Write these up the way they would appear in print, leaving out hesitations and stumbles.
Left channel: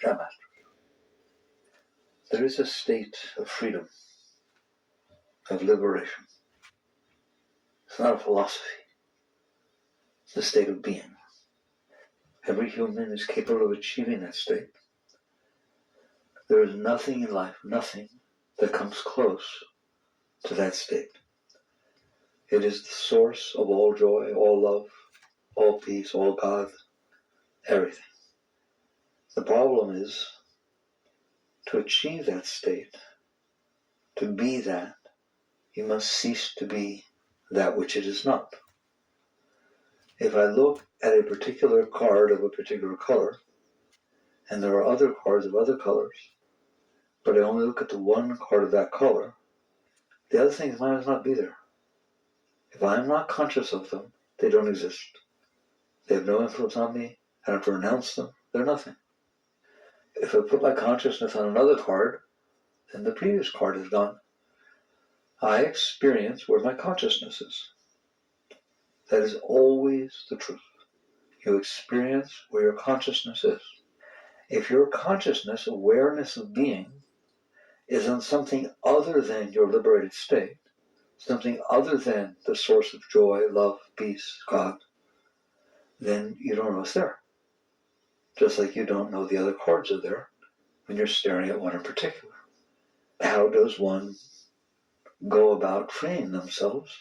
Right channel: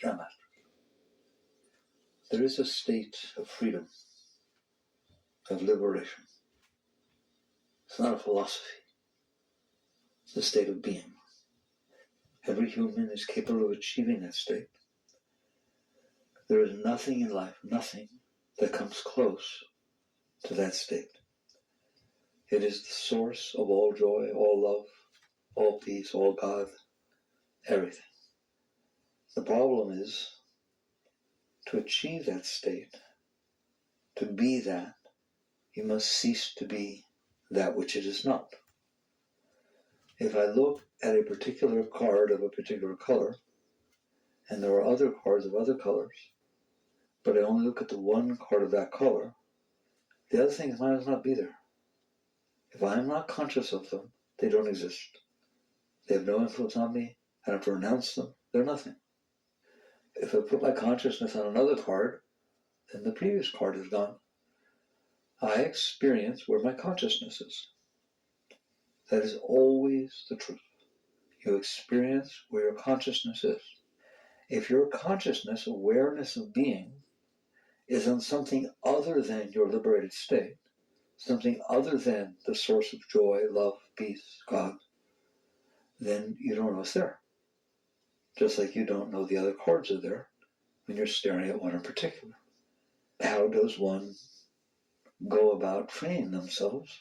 Jam Master. There is a state of freedom, of liberation. It's not a philosophy. It's a state of being. Every human is capable of achieving that state. There is nothing in life, nothing, that comes close to that state. It is the source of all joy, all love, all peace, all God, everything. The problem is, to achieve that state, to be that, you must cease to be that which it is not. If I look at a particular card of a particular color, and there are other cards of other colors, but I only look at the one card of that color, the other things might as not be there. If I'm not conscious of them, they don't exist. They have no influence on me. I don't have to renounce them. They're nothing. If I put my consciousness on another card, then the previous card is gone. I experience where my consciousness is. That is always the truth. You experience where your consciousness is. If your consciousness, awareness of being, is on something other than your liberated state, something other than the source of joy, love, peace, God, then you don't know it's there. Just like you don't know the other cards are there when you're staring at one in particular. How does one go about freeing themselves?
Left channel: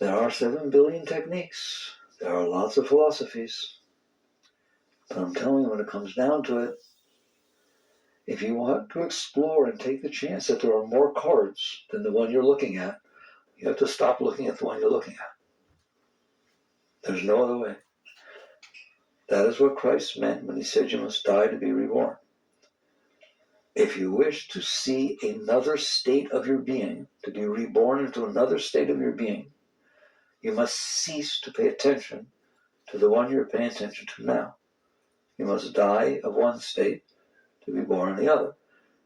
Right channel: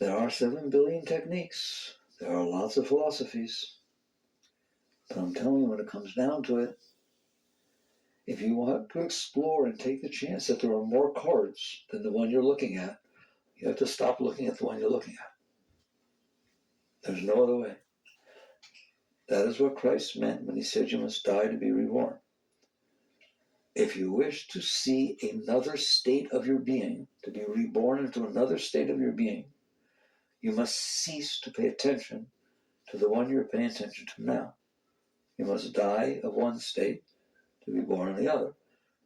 There are 7 billion techniques. There are lots of philosophies. But I'm telling you, when it comes down to it, if you want to explore and take the chance that there are more cards than the one you're looking at, you have to stop looking at the one you're looking at. There's no other way. That is what Christ meant when he said you must die to be reborn. If you wish to see another state of your being, to be reborn into another state of your being, you must cease to pay attention to the one you're paying attention to now. You must die of one state to be born in the other.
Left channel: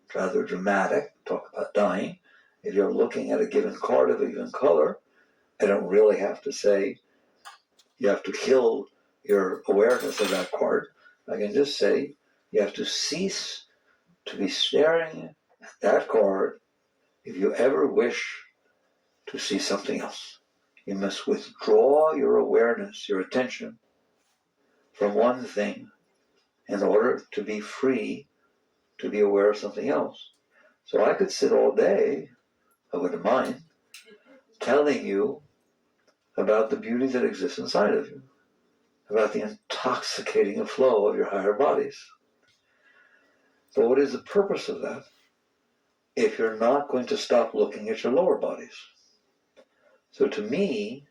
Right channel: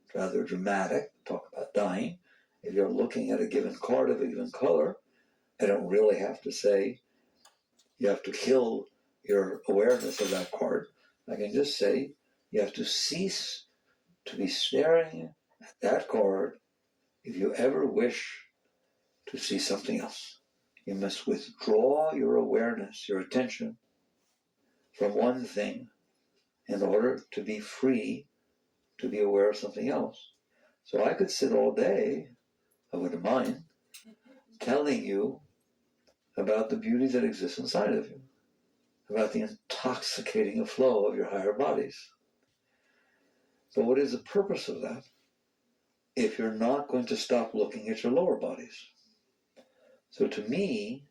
It's rather dramatic, talk about dying. If you're looking at a given card of a given color, I don't really have to say you have to kill your awareness of that card. I can just say you have to cease to be staring at that card if you ever wish to see something else. You must withdraw your awareness, your attention, from one thing in order to be free to be aware of something else. So I could sit all day, I wouldn't mind, telling you about the beauty that exists inside of you, about the intoxicating flow of your higher bodies. But what is the purpose of that if you're not going to stop looking at your lower bodies? So to me,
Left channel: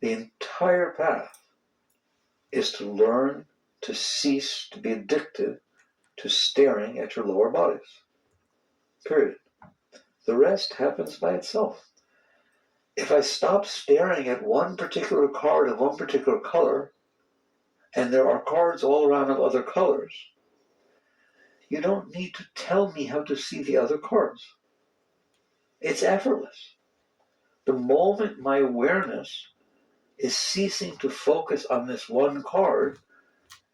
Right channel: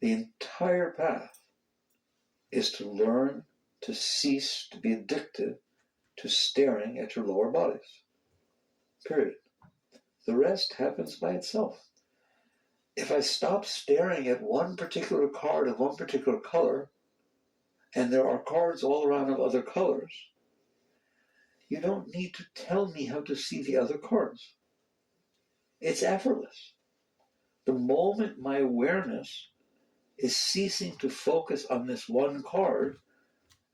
the entire path is to learn to cease to be addicted to staring at your lower bodies. Period. The rest happens by itself. If I stop staring at one particular card of one particular color, and there are cards all around of other colors, you don't need to tell me how to see the other cards. It's effortless. The moment my awareness is ceasing to focus on this one card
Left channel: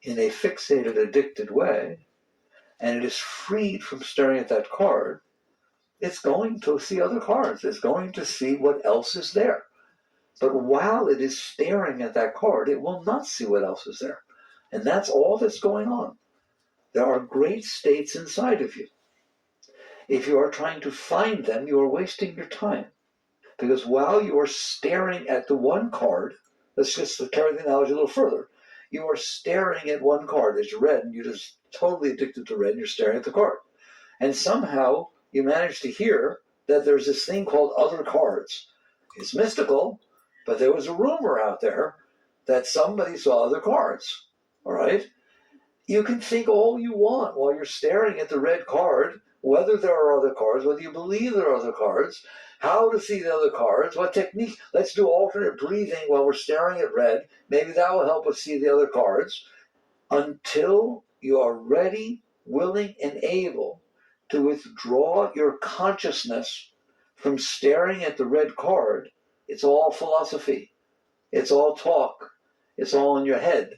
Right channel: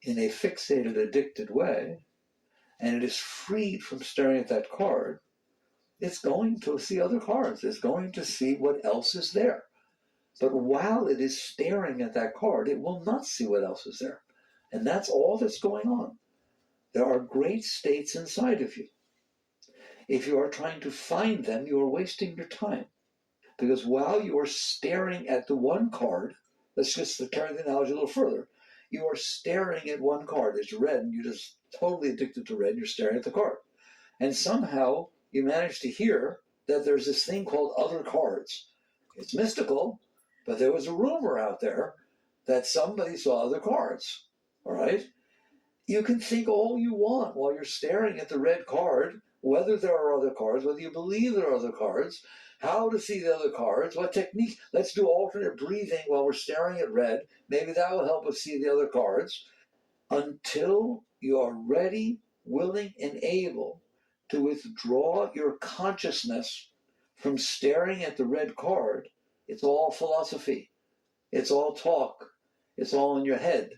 in a fixated, addicted way, and it is freed from staring at that card, it's going to see other cards. It's going to see what else is there. But while it is staring at that card, it will not see what else is there. And that's all that's going on. There are great states inside of you. If you are trying to find them, you are wasting your time. Because while you are staring at the one card, let's just carry the analogy a little further. You are staring at one card. It's red, and you're just totally addicted to red, and you're staring at the card. And somehow you manage to hear that there's this thing called other cards. It's mystical, but there was a rumor out there that somebody saw other cards. All right? You can think all you want while you're staring at the red card, whether there are other cards, whether you believe there are other cards, how to see the other cards, what technique. Let's do alternate breathing while we're staring at red. Maybe that will help us see the other cards. Until you are ready, willing, and able to withdraw your consciousness from staring at the red card, it's all philosophy. It's all talk. It's all in your head.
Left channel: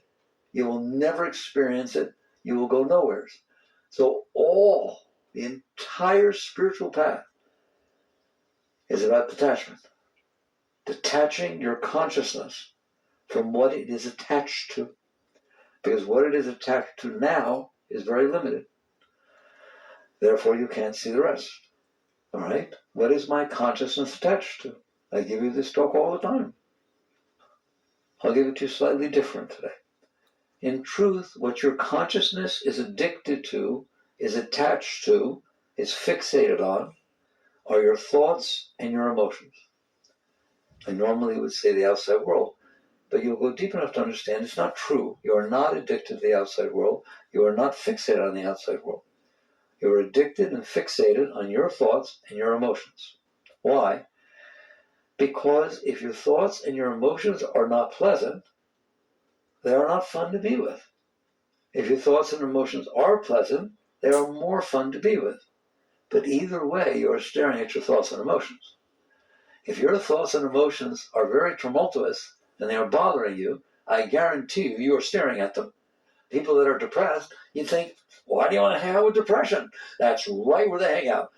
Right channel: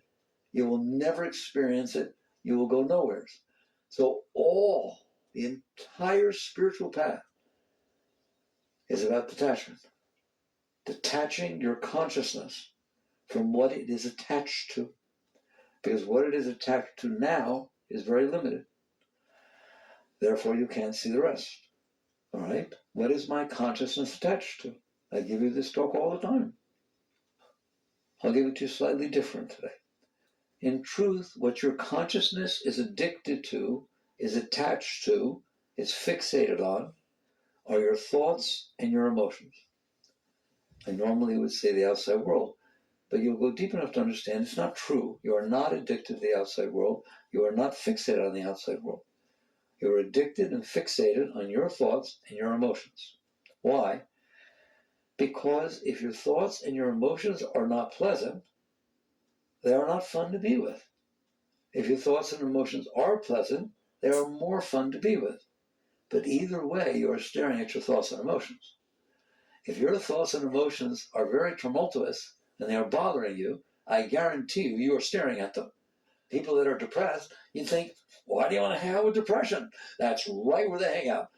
You will never experience it. you will go nowheres. So the entire spiritual path is about detachment. Detaching your consciousness from what it is attached to. Because what it is attached to now is very limited. Therefore, you can't see the rest. All right? What is my consciousness attached to? I give you this talk all the time. I'll give it to you slightly different today. In truth, what your consciousness is addicted to, is attached to, is fixated on, are your thoughts and your emotions. I normally would say the outside world, but you'll go deep enough to understand it's not true. You are not addicted to the outside world. You are not fixated on the outside world. You are addicted and fixated on your thoughts and your emotions. Why? Because if your thoughts and your emotions are not pleasant, they are not fun to be with. If your thoughts and emotions are pleasant, they are more fun to be with. But either way, you are staring at your thoughts and emotions. If your thoughts and emotions are very tumultuous and they are bothering you, I guarantee you are staring at them. People that are depressed, you think, why do you want to hang out with depression? That's right where they hang out.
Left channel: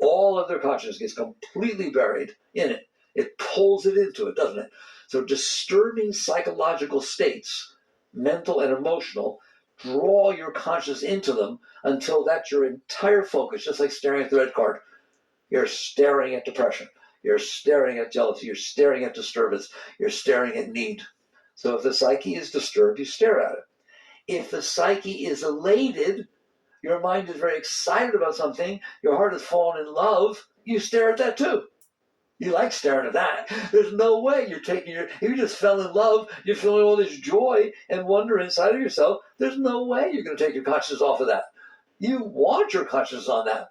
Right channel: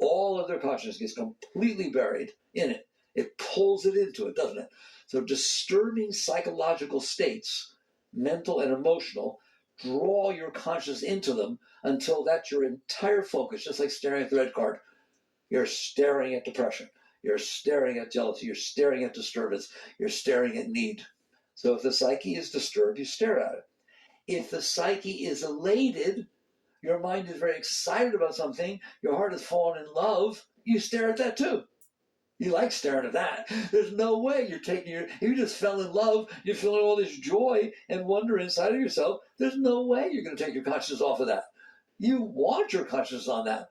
All of their consciousness gets completely buried in it. It pulls it into it, doesn't it? So disturbing psychological states, mental and emotional, draw your consciousness into them until that's your entire focus, just like staring at the red card. You're staring at depression. You're staring at jealousy. You're staring at disturbance. You're staring at need. So if the psyche is disturbed, you stare at it. If the psyche is elated, your mind is very excited about something, your heart has fallen in love, you stare at that too. You like staring at that. There's no way you're taking you just fell in love, you're feeling all this joy and wonder inside of yourself. There's no way you're going to take your consciousness off of that. You want your consciousness on that.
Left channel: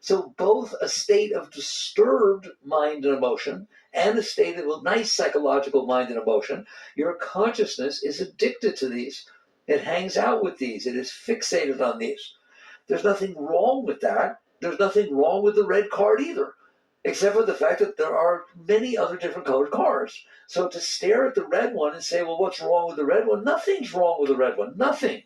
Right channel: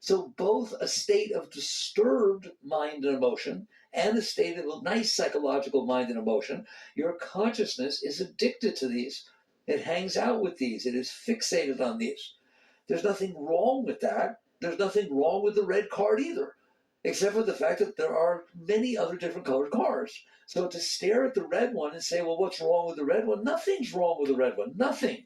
So both a state of disturbed mind and emotion and a state of nice psychological mind and emotion, your consciousness is addicted to these. It hangs out with these. It is fixated on these. There's nothing wrong with that. There's nothing wrong with the red card either, except for the fact that there are many other different colored cards. So to stare at the red one and say, well, what's wrong with the red one? Nothing's wrong with the red one. Nothing.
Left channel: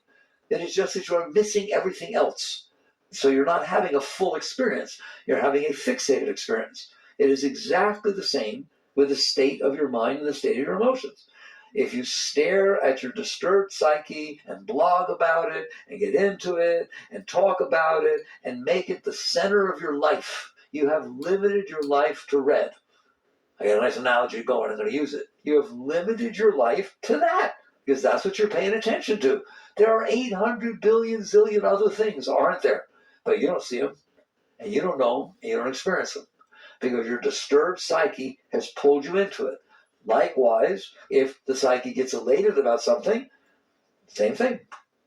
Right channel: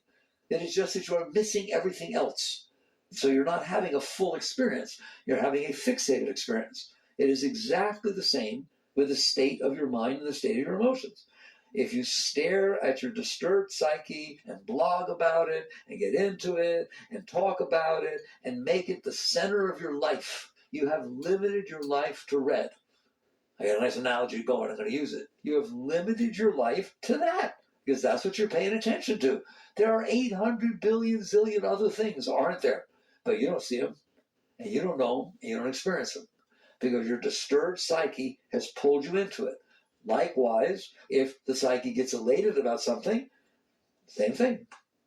It is just that you're missing everything else. So you're not having a full experience. You're having a fixated experience. It is exactly the same with the state of your mind and the state of your emotions. If you stare at your disturbed psyche and blog about it and get into it and talk about it and make it the center of your life, you have limited your life to red. I got a nice analogy going. I'm going to use it. You have limited your life to that because that's what you're paying attention to. There are 800 billion zillion other things, aren't there? But you don't see them, and you don't know them, and you don't experience them because your disturbed psyche has pulled you into it. Likewise, if the psyche gets elated about something, same thing.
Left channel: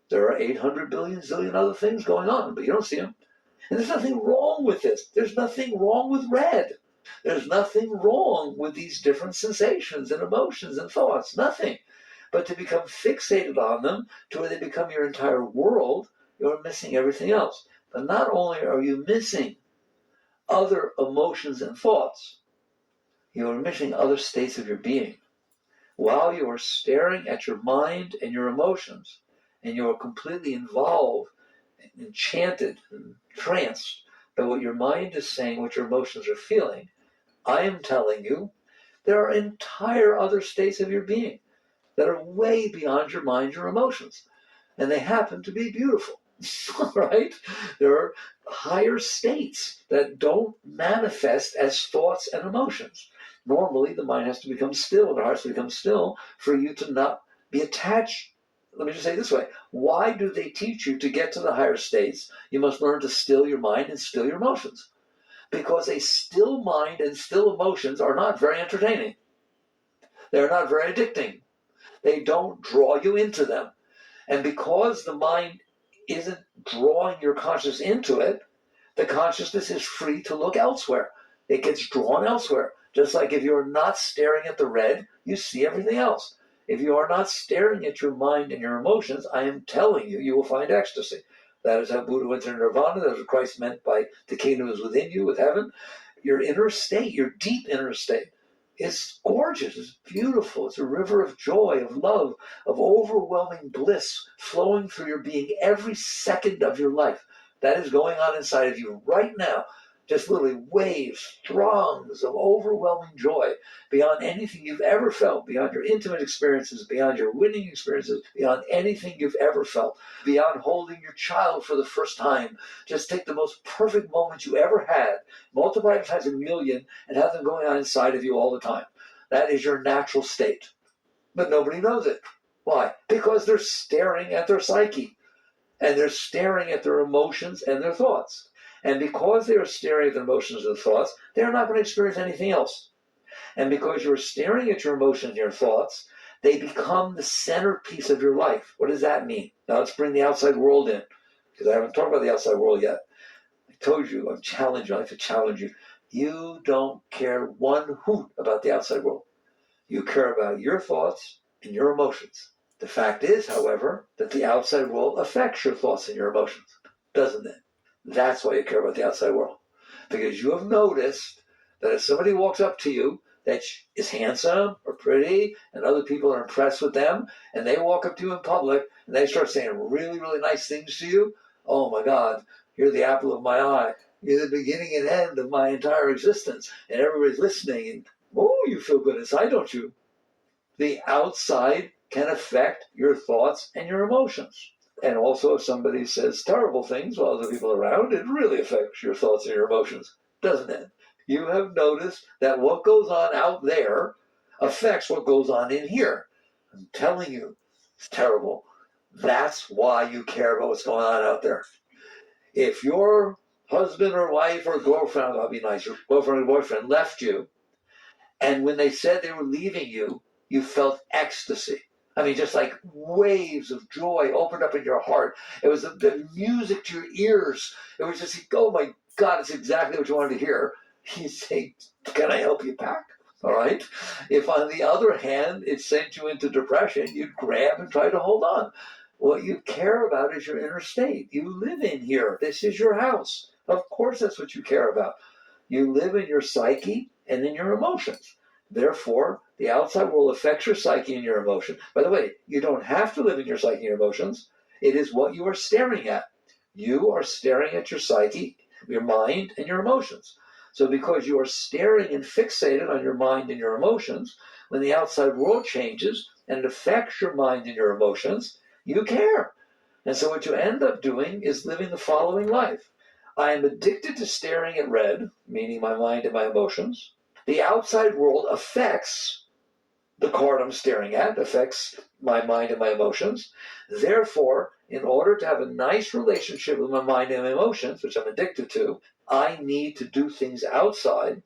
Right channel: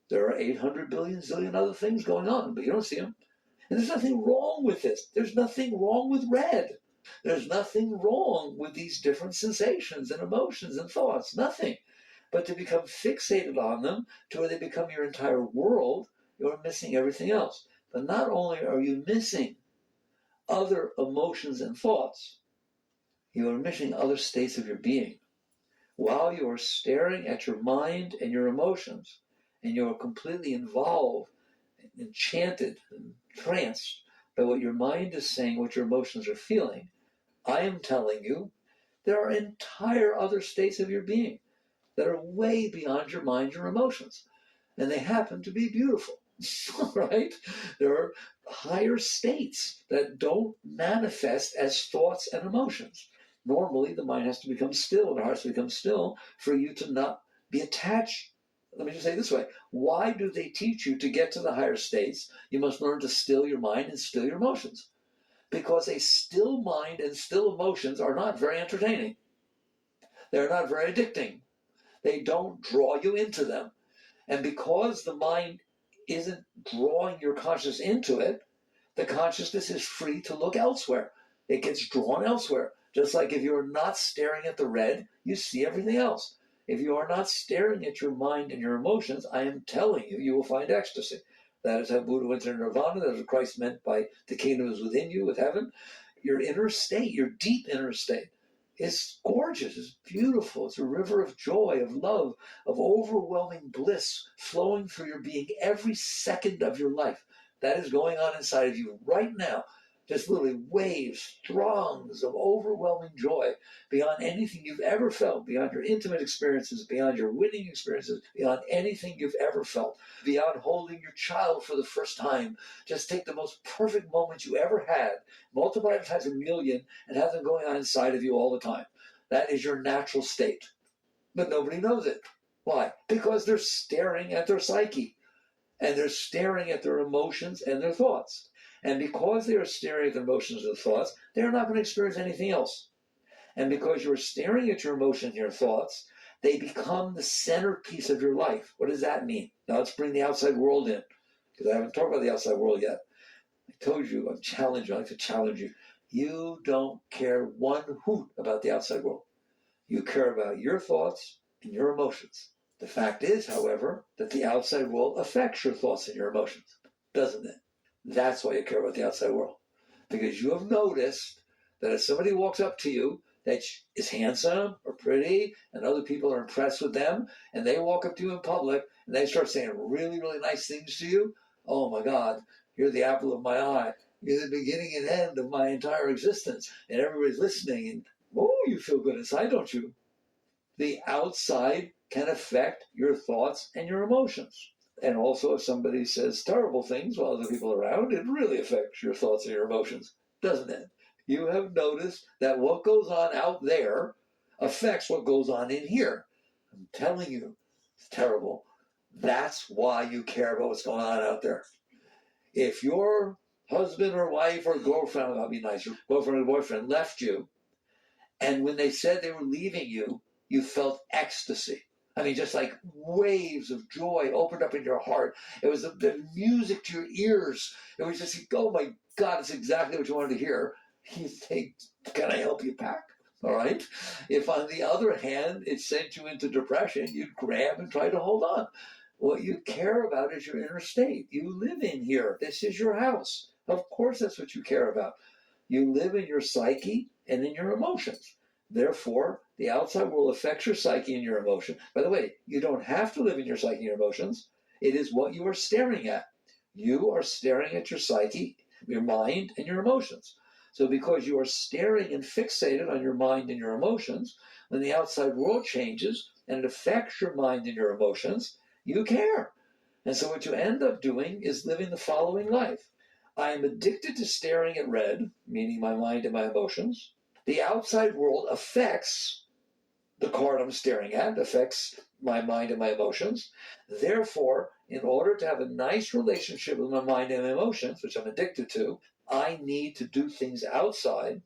There are 800 billion zillion other things going on, but you don't see them. And there's nothing wrong with this. There's nothing wrong with red. There's nothing wrong with these different sensations and emotions and thoughts. Nothing. But to become fixated on them to where they become your entire world, you're missing everything else. But not only are you missing other emotions and thoughts, you are missing other states of your being. While you are staring at your mind and your emotions, and you are completely involved, enchanted, and tranced by what your mind is saying, what your emotions are feeling, I am telling you, there are entire other states of your being that are way beyond your mind, your emotions. And they happen to be beautiful, right? There are higher states that don't manifest as thoughts and emotions. Normally, the mind has to become still, the heart has to become still for you to not be attached. Let me just say it this way. Why do they teach you to get to the higher states? You must learn to still your mind and still your emotions. Because a still mind and still emotions are not very entertaining. They're not very addicting. They don't draw you into them. And because the mind isn't drawing your consciousness into it, the consciousness is free to look elsewhere. It gets drawn elsewhere. Just like if you're not staring at the red, you see everything else. If you are not staring at your mind and your emotions, I am telling you, you will find ecstasy. That is how Buddha went to nirvana. That is what Christ meant by the kingdom is within you, with heaven. Your inner state, your deep inner state. is gorgeous, it's beautiful, it's a river of joy, of love, of overwhelming bliss flowing through your being every second of your life. That is going on inside of you right now. Just literally waves, throngs of overwhelming joy beyond anything you've ever felt, beyond your intimate experiences, beyond your winning experiences, beyond anything you've ever felt, beyond holding your child for the first time. Just take the most perfect moment you ever had, multiply it times 1,000,000, and have them going on inside of you all the time. That is your natural state. But nobody knows it. Why? Because they're staring at their psyche, and they're staring at their emotions and their thoughts. And because they are staring at their emotions and thoughts, they're not going to experience anything else. And because you're staring at your emotions and your thoughts, they become the centerpiece of your life. What does that mean? Now let's bring the outside world in, because I haven't talked about the outside world yet. I told you, I'm challenging you, I like to challenge you. You don't care one hoot about the outside world. You care about your thoughts and your emotions. The fact is, however, that the outside world affects your thoughts and your emotions, doesn't it? That's why you care about the outside world. Because you have noticed that if somebody walks up to you that is handsome or pretty and other people are impressed with them and they walk up to you in public and they start saying really, really nice things to you, oh my God, you're the apple of my eye. You're the beginning and end of my entire existence. And everybody's listening and, oh, you feel good inside, don't you? The outside can affect your thoughts and your emotions. And also, if somebody says terrible things while other people are around, it really affects your thoughts and your emotions, doesn't it? You have noticed that what goes on out there affects what goes on in here. I'm telling you, it's terrible. That's why you care about what's going on out there. If your husband or wife or girlfriend, I'll be nice, your girlfriend or boyfriend left you, and when they said they were leaving you, you felt ecstasy. I mean, just like waves of joy opened up in your heart. It was the music to your ears. It was just, oh my God, it's exactly what you wanted to hear. You say, can I help you pack? All right. If on the other hand, it sent you into depression, you'd grab and try to hold on. What you care about is your inner state. You live in here. This is your house. Of course, that's what you care about. You live in your psyche and in your emotions. Therefore, the outside world affects your psyche and your emotion. By the way, you don't have to live in your psyche and your emotions. It is what you are staring at. You are staring at your psyche, your mind, and your emotions. So because you are staring and fixated on your mind and your emotions, when the outside world changes and it affects your mind and your emotions, you care. And so what you end up doing is living the following life. I am addicted to staring at red, meaning my mind and my emotions. The outside world affects the card I'm staring at, affects my mind and my emotions. Therefore, in order to have a nice relationship with my mind and my emotions, which I'm addicted to, I need to do things outside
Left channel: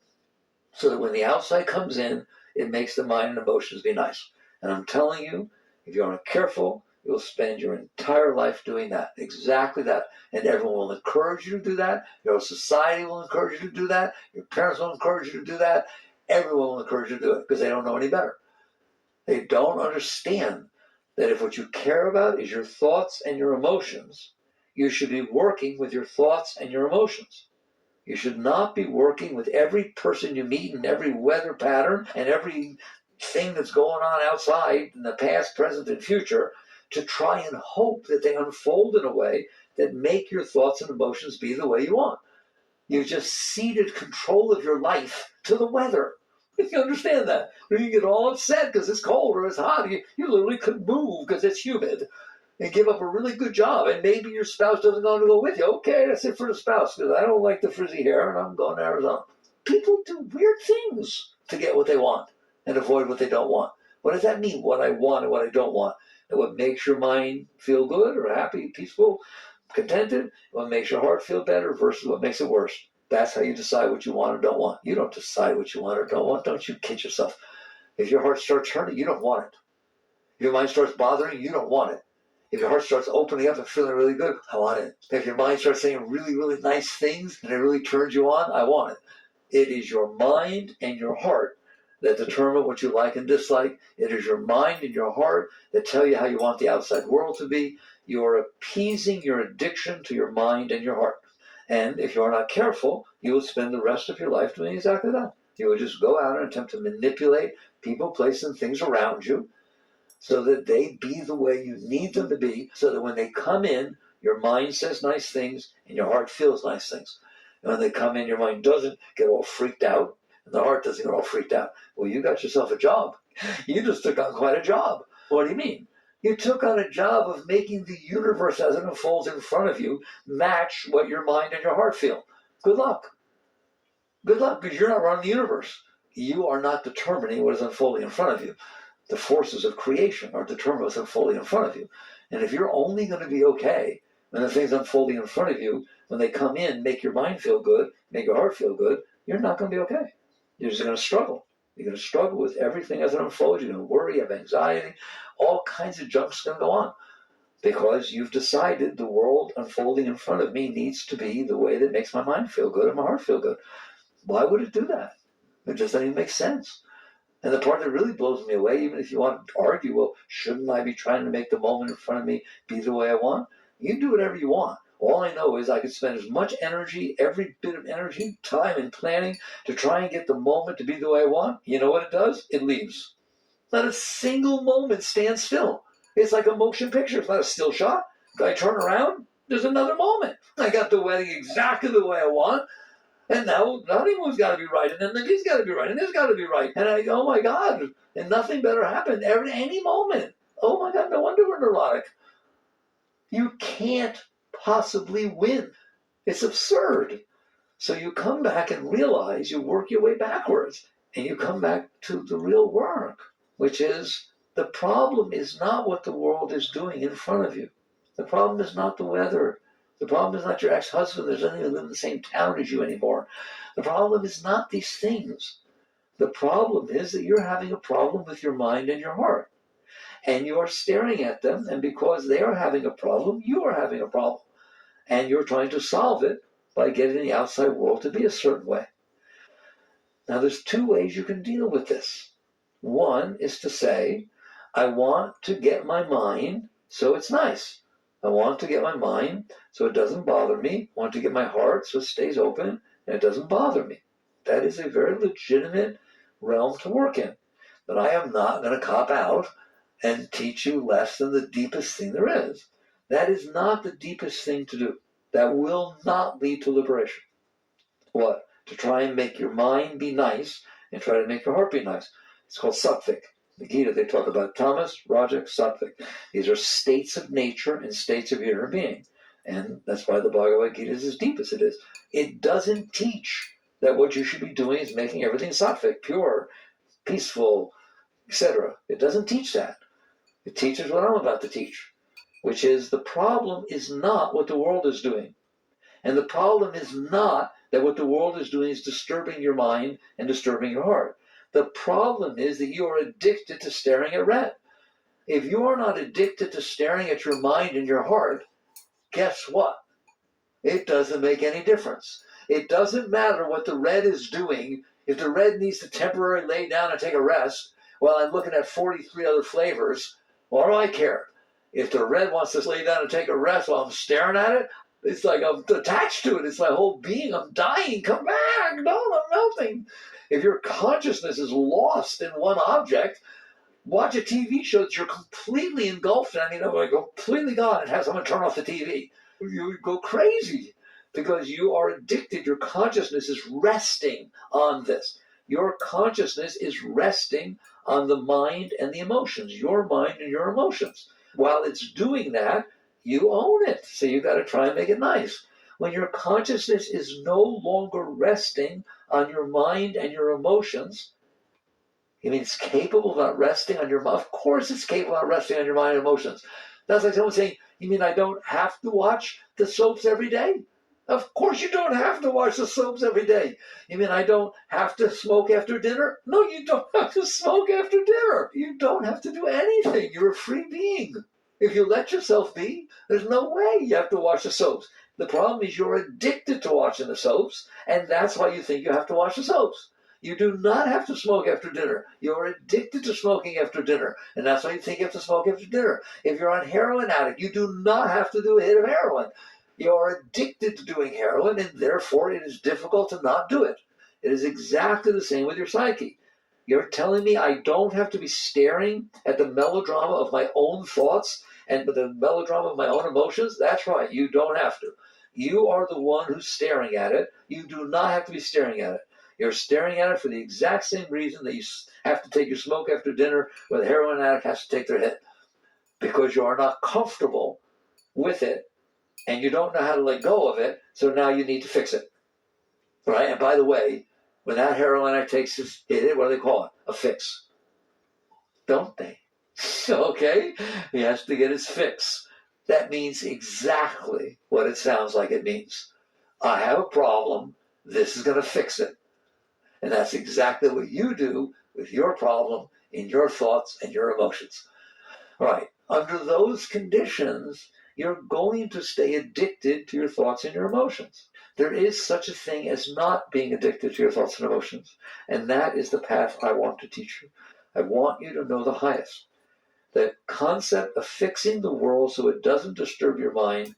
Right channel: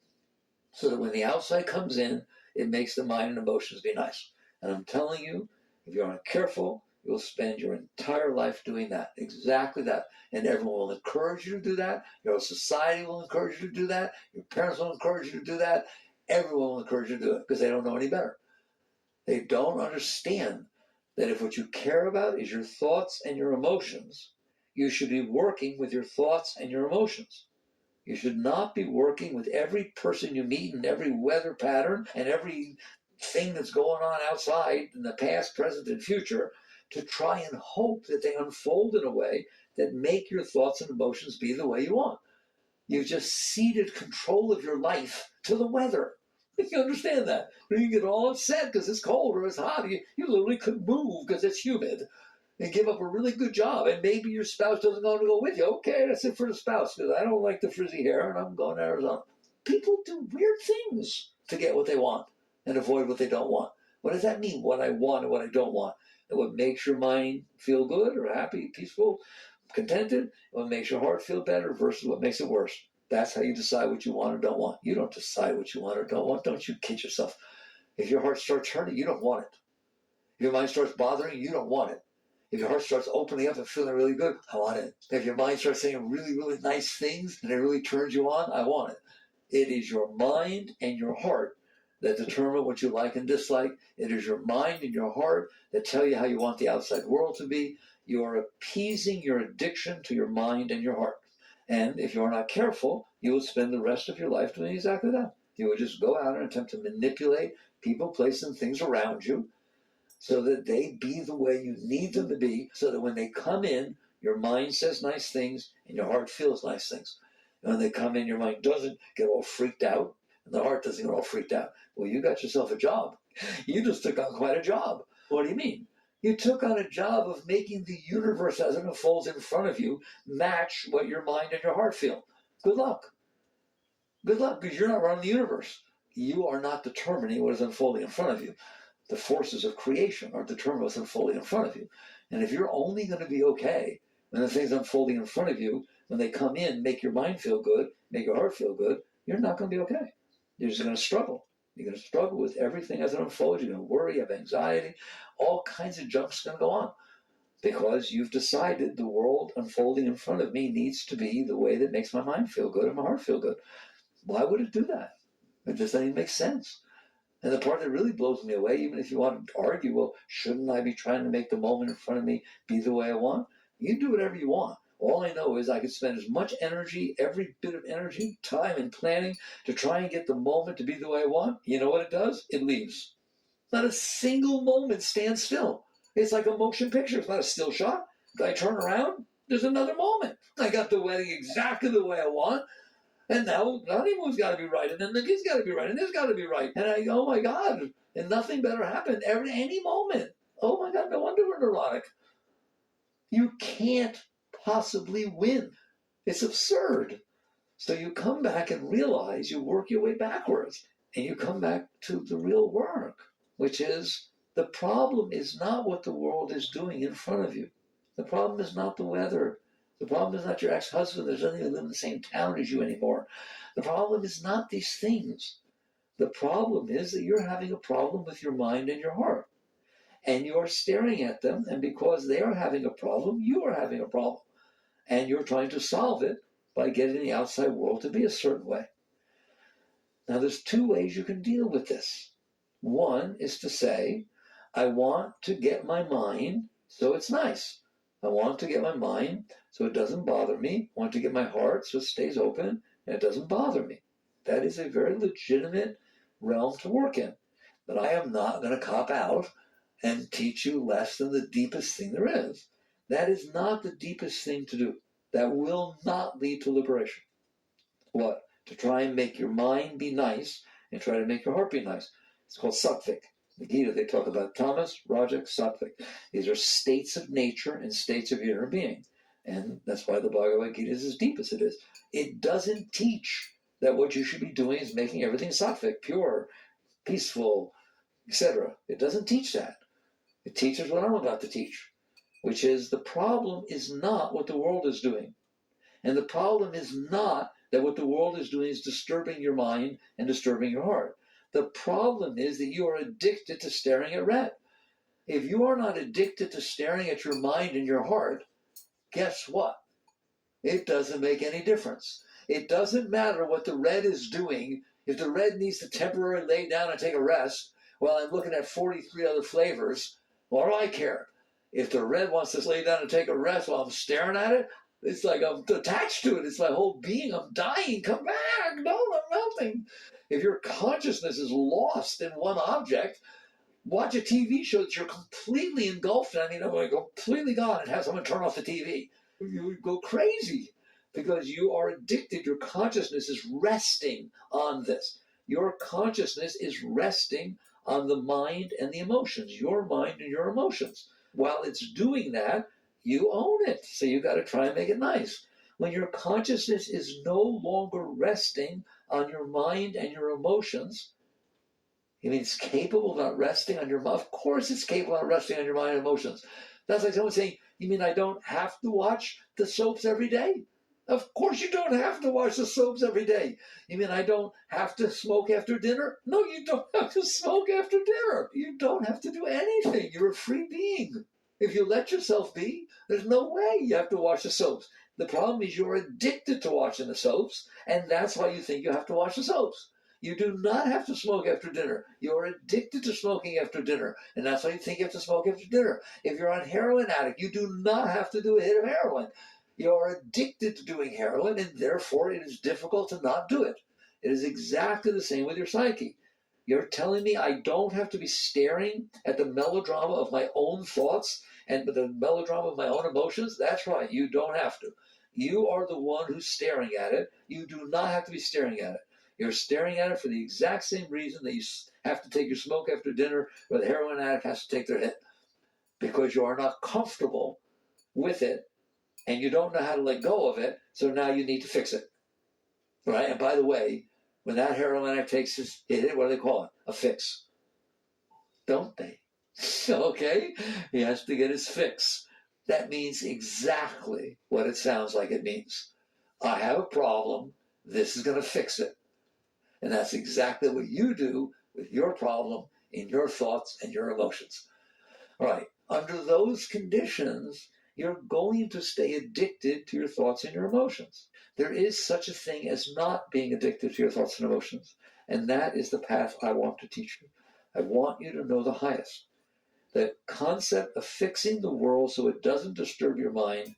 so that when the outside comes in, it makes the mind and emotions be nice. And I'm telling you, if you aren't careful, you'll spend your entire life doing that, exactly that. And everyone will encourage you to do that. Your society will encourage you to do that. Your parents will encourage you to do that. Everyone will encourage you to do it because they don't know any better. They don't understand that if what you care about is your thoughts and your emotions, you should be working with your thoughts and your emotions. You should not be working with every person you meet and every weather pattern and every thing that's going on outside in the past, present, and future to try and hope that they unfold in a way that make your thoughts and emotions be the way you want. You just ceded control of your life to the weather. You understand that? When you get all upset because it's cold or it's hot, you literally couldn't move because it's humid and give up a really good job. And maybe your spouse doesn't want to go with you. Okay, that's it for the spouse because I don't like the frizzy hair and I'm going to Arizona. People do weird things to get what they want and avoid what they don't want. What does that mean? What I want and what I don't want. And what makes your mind feel good or happy, peaceful, contented, what makes your heart feel better versus what makes it worse. That's how you decide what you want or don't want. You don't decide what you want or don't want. Don't you kid yourself. If your heart starts hurting, you don't want it. If your mind starts bothering you, you don't want it. If your heart starts opening up and feeling really good, I want it. If your mind starts saying really, really nice things and it really turns you on, I want it. It is your mind and your heart that determine what you like and dislike. It is your mind and your heart that tell you how you want the outside world to be. You are appeasing your addiction to your mind and your heart. And if you are not careful, you will spend the rest of your life doing exactly that. You would just go out and attempt to manipulate people, places, and things around you so that they be the way you need them to be, so that when they come in, your mind says nice things and your heart feels nice things. And when they come in, your mind doesn't get all freaked out and the heart doesn't get all freaked out. Well, you got yourself a job. You just took on quite a job. What do you mean? You took on a job of making the universe as it unfolds in front of you match what your mind and your heart feel. Good luck. Good luck, because you're not running the universe. You are not determining what is unfolding in front of you. The forces of creation are determining what's unfolding in front of you. And if you're only going to be okay when the things unfolding in front of you, when they come in, make your mind feel good, make your heart feel good, you're not going to be okay. You're just going to struggle. You're going to struggle with everything as it unfolds. You're going to worry, have anxiety, all kinds of junk's going to go on. Because you've decided the world unfolding in front of me needs to be the way that makes my mind feel good and my heart feel good. Why would it do that? It just doesn't even make sense. And the part that really blows me away, even if you want to argue, well, shouldn't I be trying to make the moment in front of me be the way I want? You do whatever you want. All I know is I could spend as much energy, every bit of energy, time, and planning to try and get the moment to be the way I want. You know what it does? It leaves. Not a single moment stands still. It's like a motion picture. It's not a still shot. I turn around, there's another moment. I got the wedding exactly the way I want. And now the honeymoon's got to be right, and then the kid's got to be right, and this got to be right. And I go, oh my God, and nothing better happened any moment. Oh my God, no wonder we're neurotic. You can't possibly win. It's absurd. So you come back and realize, you work your way backwards, and you come back to the real work, which is the problem is not what the world is doing in front of you. The problem is not the weather. The problem is not your ex-husband that doesn't even live in the same town as you anymore. The problem is not these things. The problem is that you're having a problem with your mind and your heart. And you're staring at them, and because they are having a problem, you are having a problem. And you're trying to solve it by getting the outside world to be a certain way. Now, there's two ways you can deal with this. One is to say, I want to get my mind so it's nice. I want to get my mind so it doesn't bother me. I want to get my heart so it stays open and it doesn't bother me. That is a very legitimate realm to work in. But I am not going to cop out and teach you less than the deepest thing there is. That is not the deepest thing to do. That will not lead to liberation. What? To try and make your mind be nice and try to make your heart be nice. It's called sattvic. The Gita, they talk about tamas, rajak, sattvic. These are states of nature and states of inner being. And that's why the Bhagavad Gita is as deep as it is. It doesn't teach that what you should be doing is making everything sattvic, pure, peaceful, etc. It doesn't teach that. It teaches what I'm about to teach, which is the problem is not what the world is doing. And the problem is not that what the world is doing is disturbing your mind and disturbing your heart. The problem is that you are addicted to staring at red. If you are not addicted to staring at your mind and your heart, guess what? It doesn't make any difference. It doesn't matter what the red is doing. If the red needs to temporarily lay down and take a rest while I'm looking at 43 other flavors, what do I care? If the red wants to lay down and take a rest while I'm staring at it, it's like I'm attached to it. It's my whole being. I'm dying. Come back. No, I'm melting. If your consciousness is lost in one object, watch a TV show that you're completely engulfed in. Completely gone and have someone turn off the TV. You go crazy because you are addicted. Your consciousness is resting on this. Your consciousness is resting on the mind and the emotions. Your mind and your emotions. While it's doing that, you own it. So you got to try and make it nice. When your consciousness is no longer resting on your mind and your emotions, you mean it's capable of not resting on your mind? Of course it's capable of not resting on your mind and emotions. That's like someone saying, you mean I don't have to watch the soaps every day? Of course you don't have to watch the soaps every day. You mean I don't have to smoke after dinner? No, you don't have to smoke after dinner. You don't have to do anything. You're a free being. If you let yourself be, there's no way you have to watch the soaps. The problem is you're addicted to watching the soaps, and that's why you think you have to watch the soaps. You do not have to smoke after dinner. You're addicted to smoking after dinner, and that's why you think you have to smoke after dinner. If you're on heroin addict, you do not have to do a hit of heroin. You're addicted to doing heroin, and therefore it is difficult to not do it. It is exactly the same with your psyche. You're telling me I don't have to be staring at the melodrama of my own thoughts and the melodrama of my own emotions? That's right, you don't have to. You are the one who's staring at it. You do not have to be staring at it. You're staring at it for the exact same reason that you have to take your smoke after dinner, or the heroin addict has to take their hit. Because you are not comfortable with it, and you don't know how to let go of it, so now you need to fix it. Right? And by the way, when that heroin addict takes his hit, what do they call it? A fix. Don't they? Okay? He has to get his fix. That means exactly what it sounds like it means. I have a problem. This is going to fix it. And that's exactly what you do with your problem in your thoughts and your emotions. All right. Under those conditions, you're going to stay addicted to your thoughts and your emotions. There is such a thing as not being addicted to your thoughts and emotions. And that is the path I want to teach you. I want you to know the highest. The concept of fixing the world so it doesn't disturb your mind,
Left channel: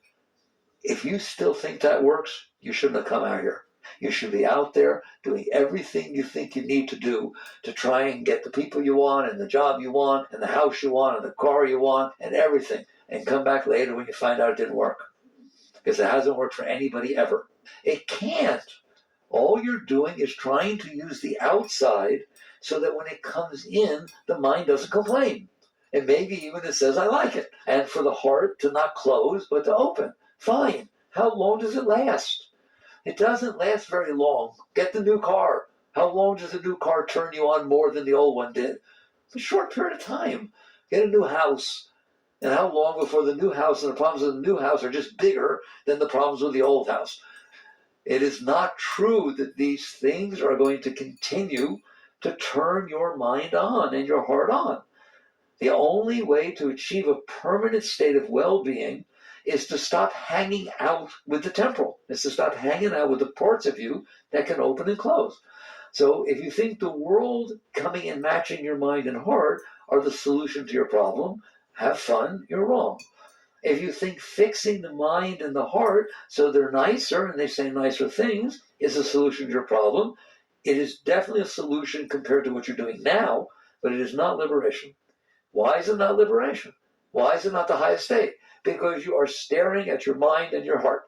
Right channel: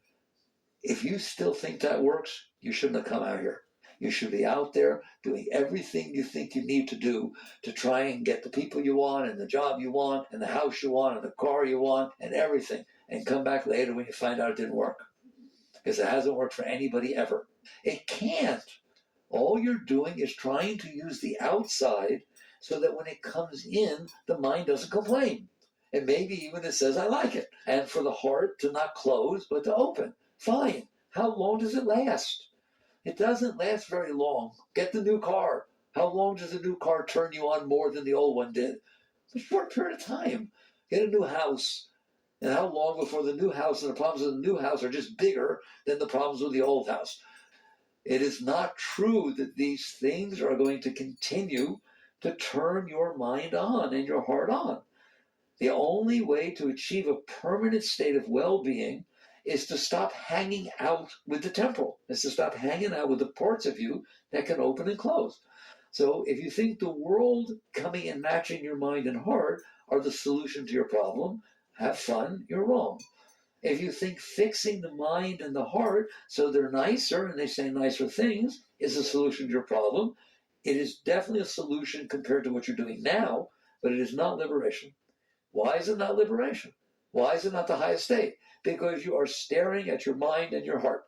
if you still think that works, you shouldn't have come out here. You should be out there doing everything you think you need to do to try and get the people you want and the job you want and the house you want and the car you want and everything, and come back later when you find out it didn't work. Because it hasn't worked for anybody ever. It can't. All you're doing is trying to use the outside so that when it comes in, the mind doesn't complain. And maybe even it says, I like it. And for the heart to not close, but to open. Fine. How long does it last? It doesn't last very long. Get the new car. How long does the new car turn you on more than the old one did? A short period of time. Get a new house. And how long before the new house and the problems of the new house are just bigger than the problems with the old house? It is not true that these things are going to continue to turn your mind on and your heart on. The only way to achieve a permanent state of well-being is to stop hanging out with the temporal, is to stop hanging out with the parts of you that can open and close. So if you think the world coming and matching your mind and heart are the solution to your problem, have fun, you're wrong. If you think fixing the mind and the heart so they're nicer and they say nicer things is a solution to your problem, it is definitely a solution compared to what you're doing now, but it is not liberation. Why is it not liberation? Why is it not the highest state? Because you are staring at your mind and your heart.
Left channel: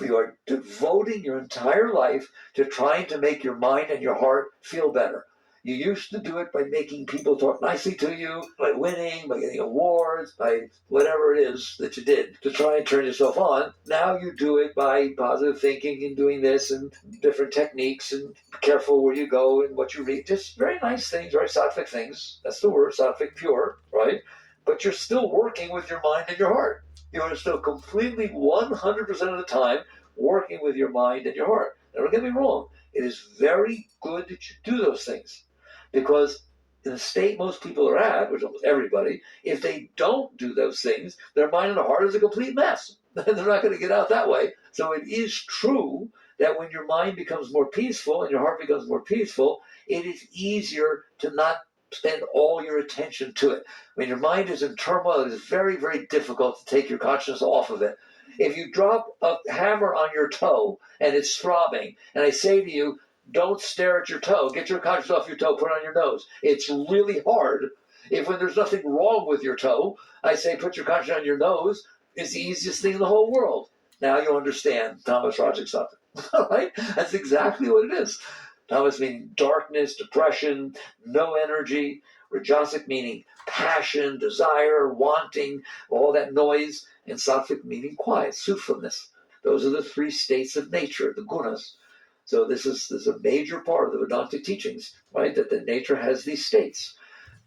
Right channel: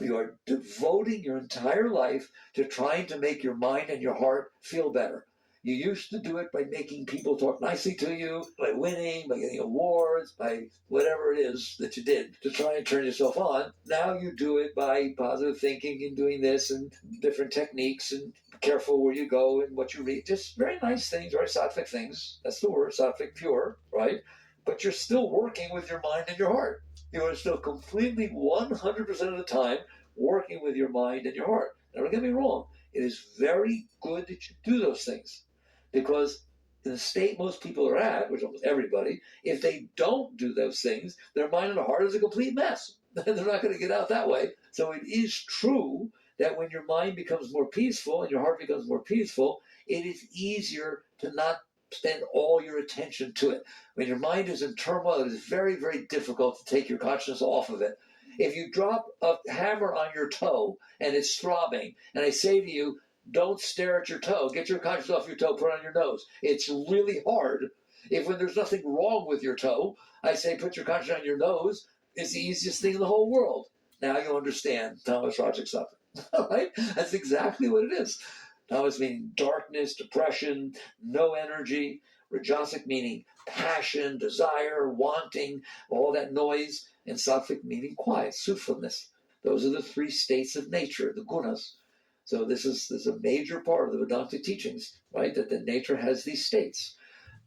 You are devoting your entire life to trying to make your mind and your heart feel better. You used to do it by making people talk nicely to you, by winning, by getting awards, by whatever it is that you did to try and turn yourself on. Now you do it by positive thinking and doing this and different techniques and be careful where you go and what you read. Just very nice things, very sattvic things. That's the word, sattvic pure, right? But you're still working with your mind and your heart. You are still completely 100% of the time working with your mind and your heart. Now, don't get me wrong. It is very good that you do those things. Because in the state most people are at, which almost everybody, if they don't do those things, their mind and their heart is a complete mess. They're not going to get out that way. So it is true that when your mind becomes more peaceful and your heart becomes more peaceful, it is easier to not spend all your attention to it. When your mind is in turmoil, it is very, very difficult to take your consciousness off of it. If you drop a hammer on your toe and it's throbbing, and I say to you, don't stare at your toe. Get your consciousness off your toe. Put it on your nose. It's really hard. If when there's nothing wrong with your toe, I say put your consciousness on your nose. It's the easiest thing in the whole world. Now you understand Thomas Rajik something. All right? That's exactly what it is. Thomas meaning darkness, depression, no energy. Rajasic meaning passion, desire, wanting, all that noise. And Sattvic meaning quiet, soothfulness. Those are the three states of nature, the gunas. So this is a major part of the Vedantic teachings, right? That nature has these states.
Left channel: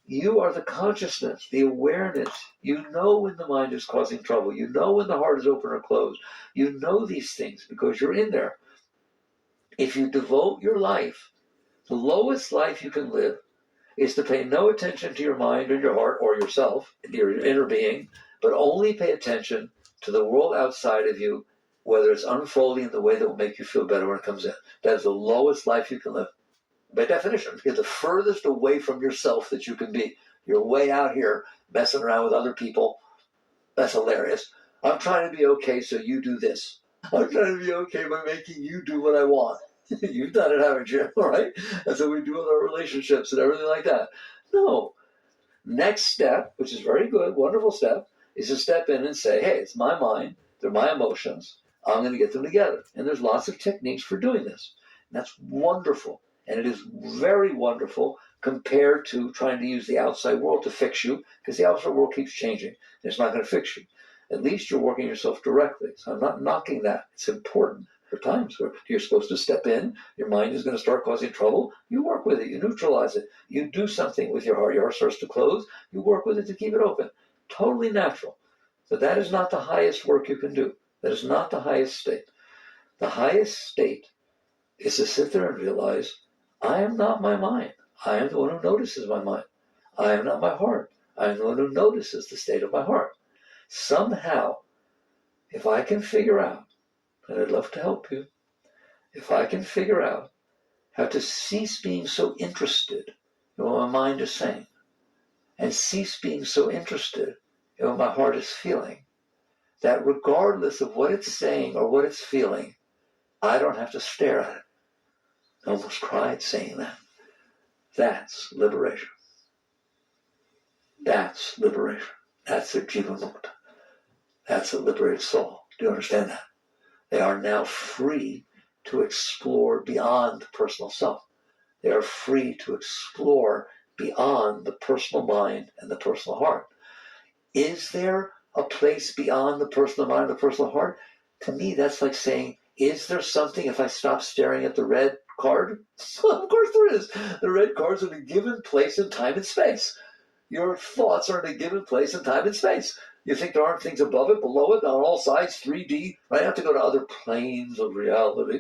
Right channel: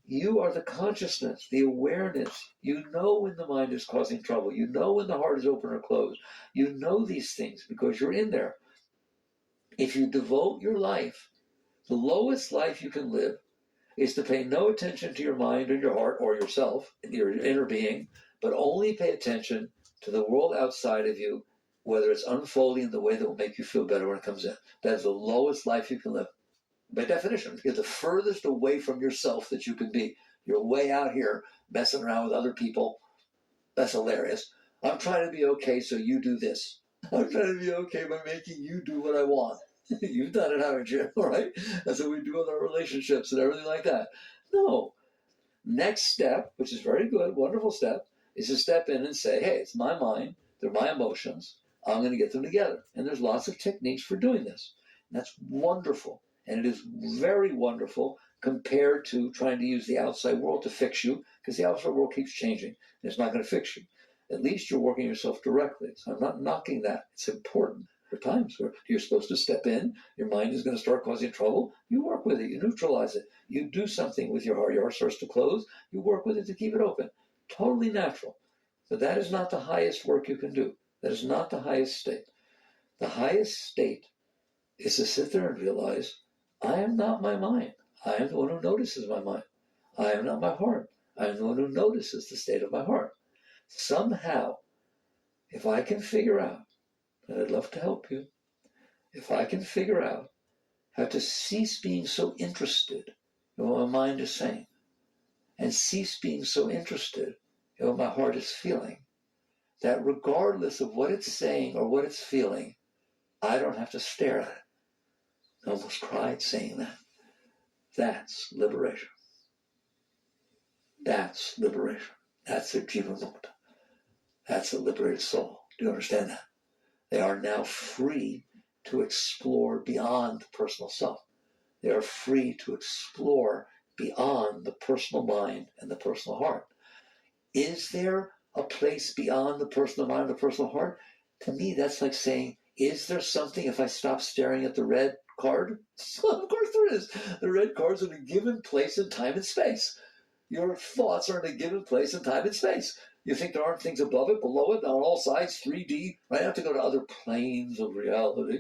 You are the consciousness, the awareness. You know when the mind is causing trouble. You know when the heart is open or closed. You know these things because you're in there. If you devote your life, the lowest life you can live is to pay no attention to your mind or your heart or yourself, your inner being, but only pay attention to the world outside of you, whether it's unfolding in the way that will make you feel better when it comes in. That is the lowest life you can live. By definition, you're the furthest away from yourself that you can be. You're way out here messing around with other people. That's hilarious. I'm trying to be okay, so you do this. I'm trying to be okay by making you do what I want. You've done it, haven't you? All right? That's what we do with our relationships and everything like that. No. Next step, which is very good, wonderful step, is to step in and say, hey, it's my mind, they're my emotions, I'm going to get them together. And there's lots of techniques for doing this. And that's wonderful. And it is very wonderful compared to trying to use the outside world to fix you, because the outside world keeps changing, and it's not going to fix you. At least you're working yourself directly. So I'm not knocking that. It's important. There are times where you're supposed to step in, your mind is going to start causing trouble, you work with it, you neutralize it, you do something with your heart starts to close, you work with it to keep it open. Totally natural. So that is not the highest work you can do. That is not the highest state. The highest state is to sit there and realize, I am not my mind. I am the one who notices my mind. I am not my heart. I am the one who notices the state of my heart. Somehow, if I can figure out, and I'd love to help you, if I can figure out how to cease being so interested in what my mind is saying and cease being so interested in what my heart is feeling, that regardless of what it's saying or what it's feeling, I don't have to stare at it. I almost cried saying that. That's liberation. That's liberation. That's a jiva mukta. That's a liberated soul. Do you understand that? They are now free to explore beyond the personal self. They are free to explore beyond the personal mind and the personal heart. Is there a place beyond the personal mind and the personal heart? To me, that's like saying, is there something if I stop staring at the red card? Well, of course there is. The red card's in a given place in time and space. Your thoughts are in a given place in time and space. You think there aren't things above it, below it, on all sides, 3D, right? I have to go to other planes of reality.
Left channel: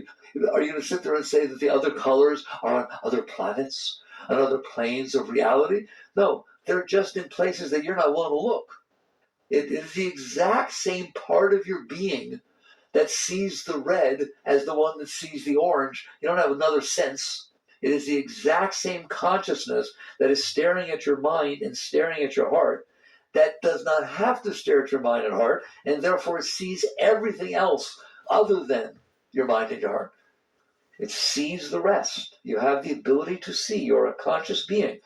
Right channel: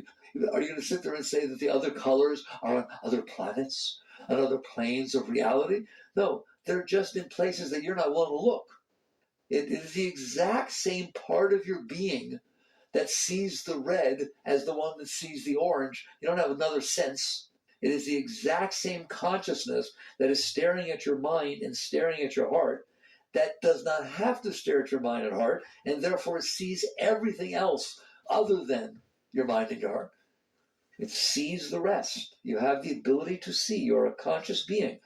Are you going to sit there and say that the other colors are on other planets, on other planes of reality? No, they're just in places that you're not willing to look. It is the exact same part of your being that sees the red as the one that sees the orange. You don't have another sense. It is the exact same consciousness that is staring at your mind and staring at your heart that does not have to stare at your mind and heart, and therefore sees everything else other than your mind and your heart. It sees the rest. You have the ability to see. You're a conscious being.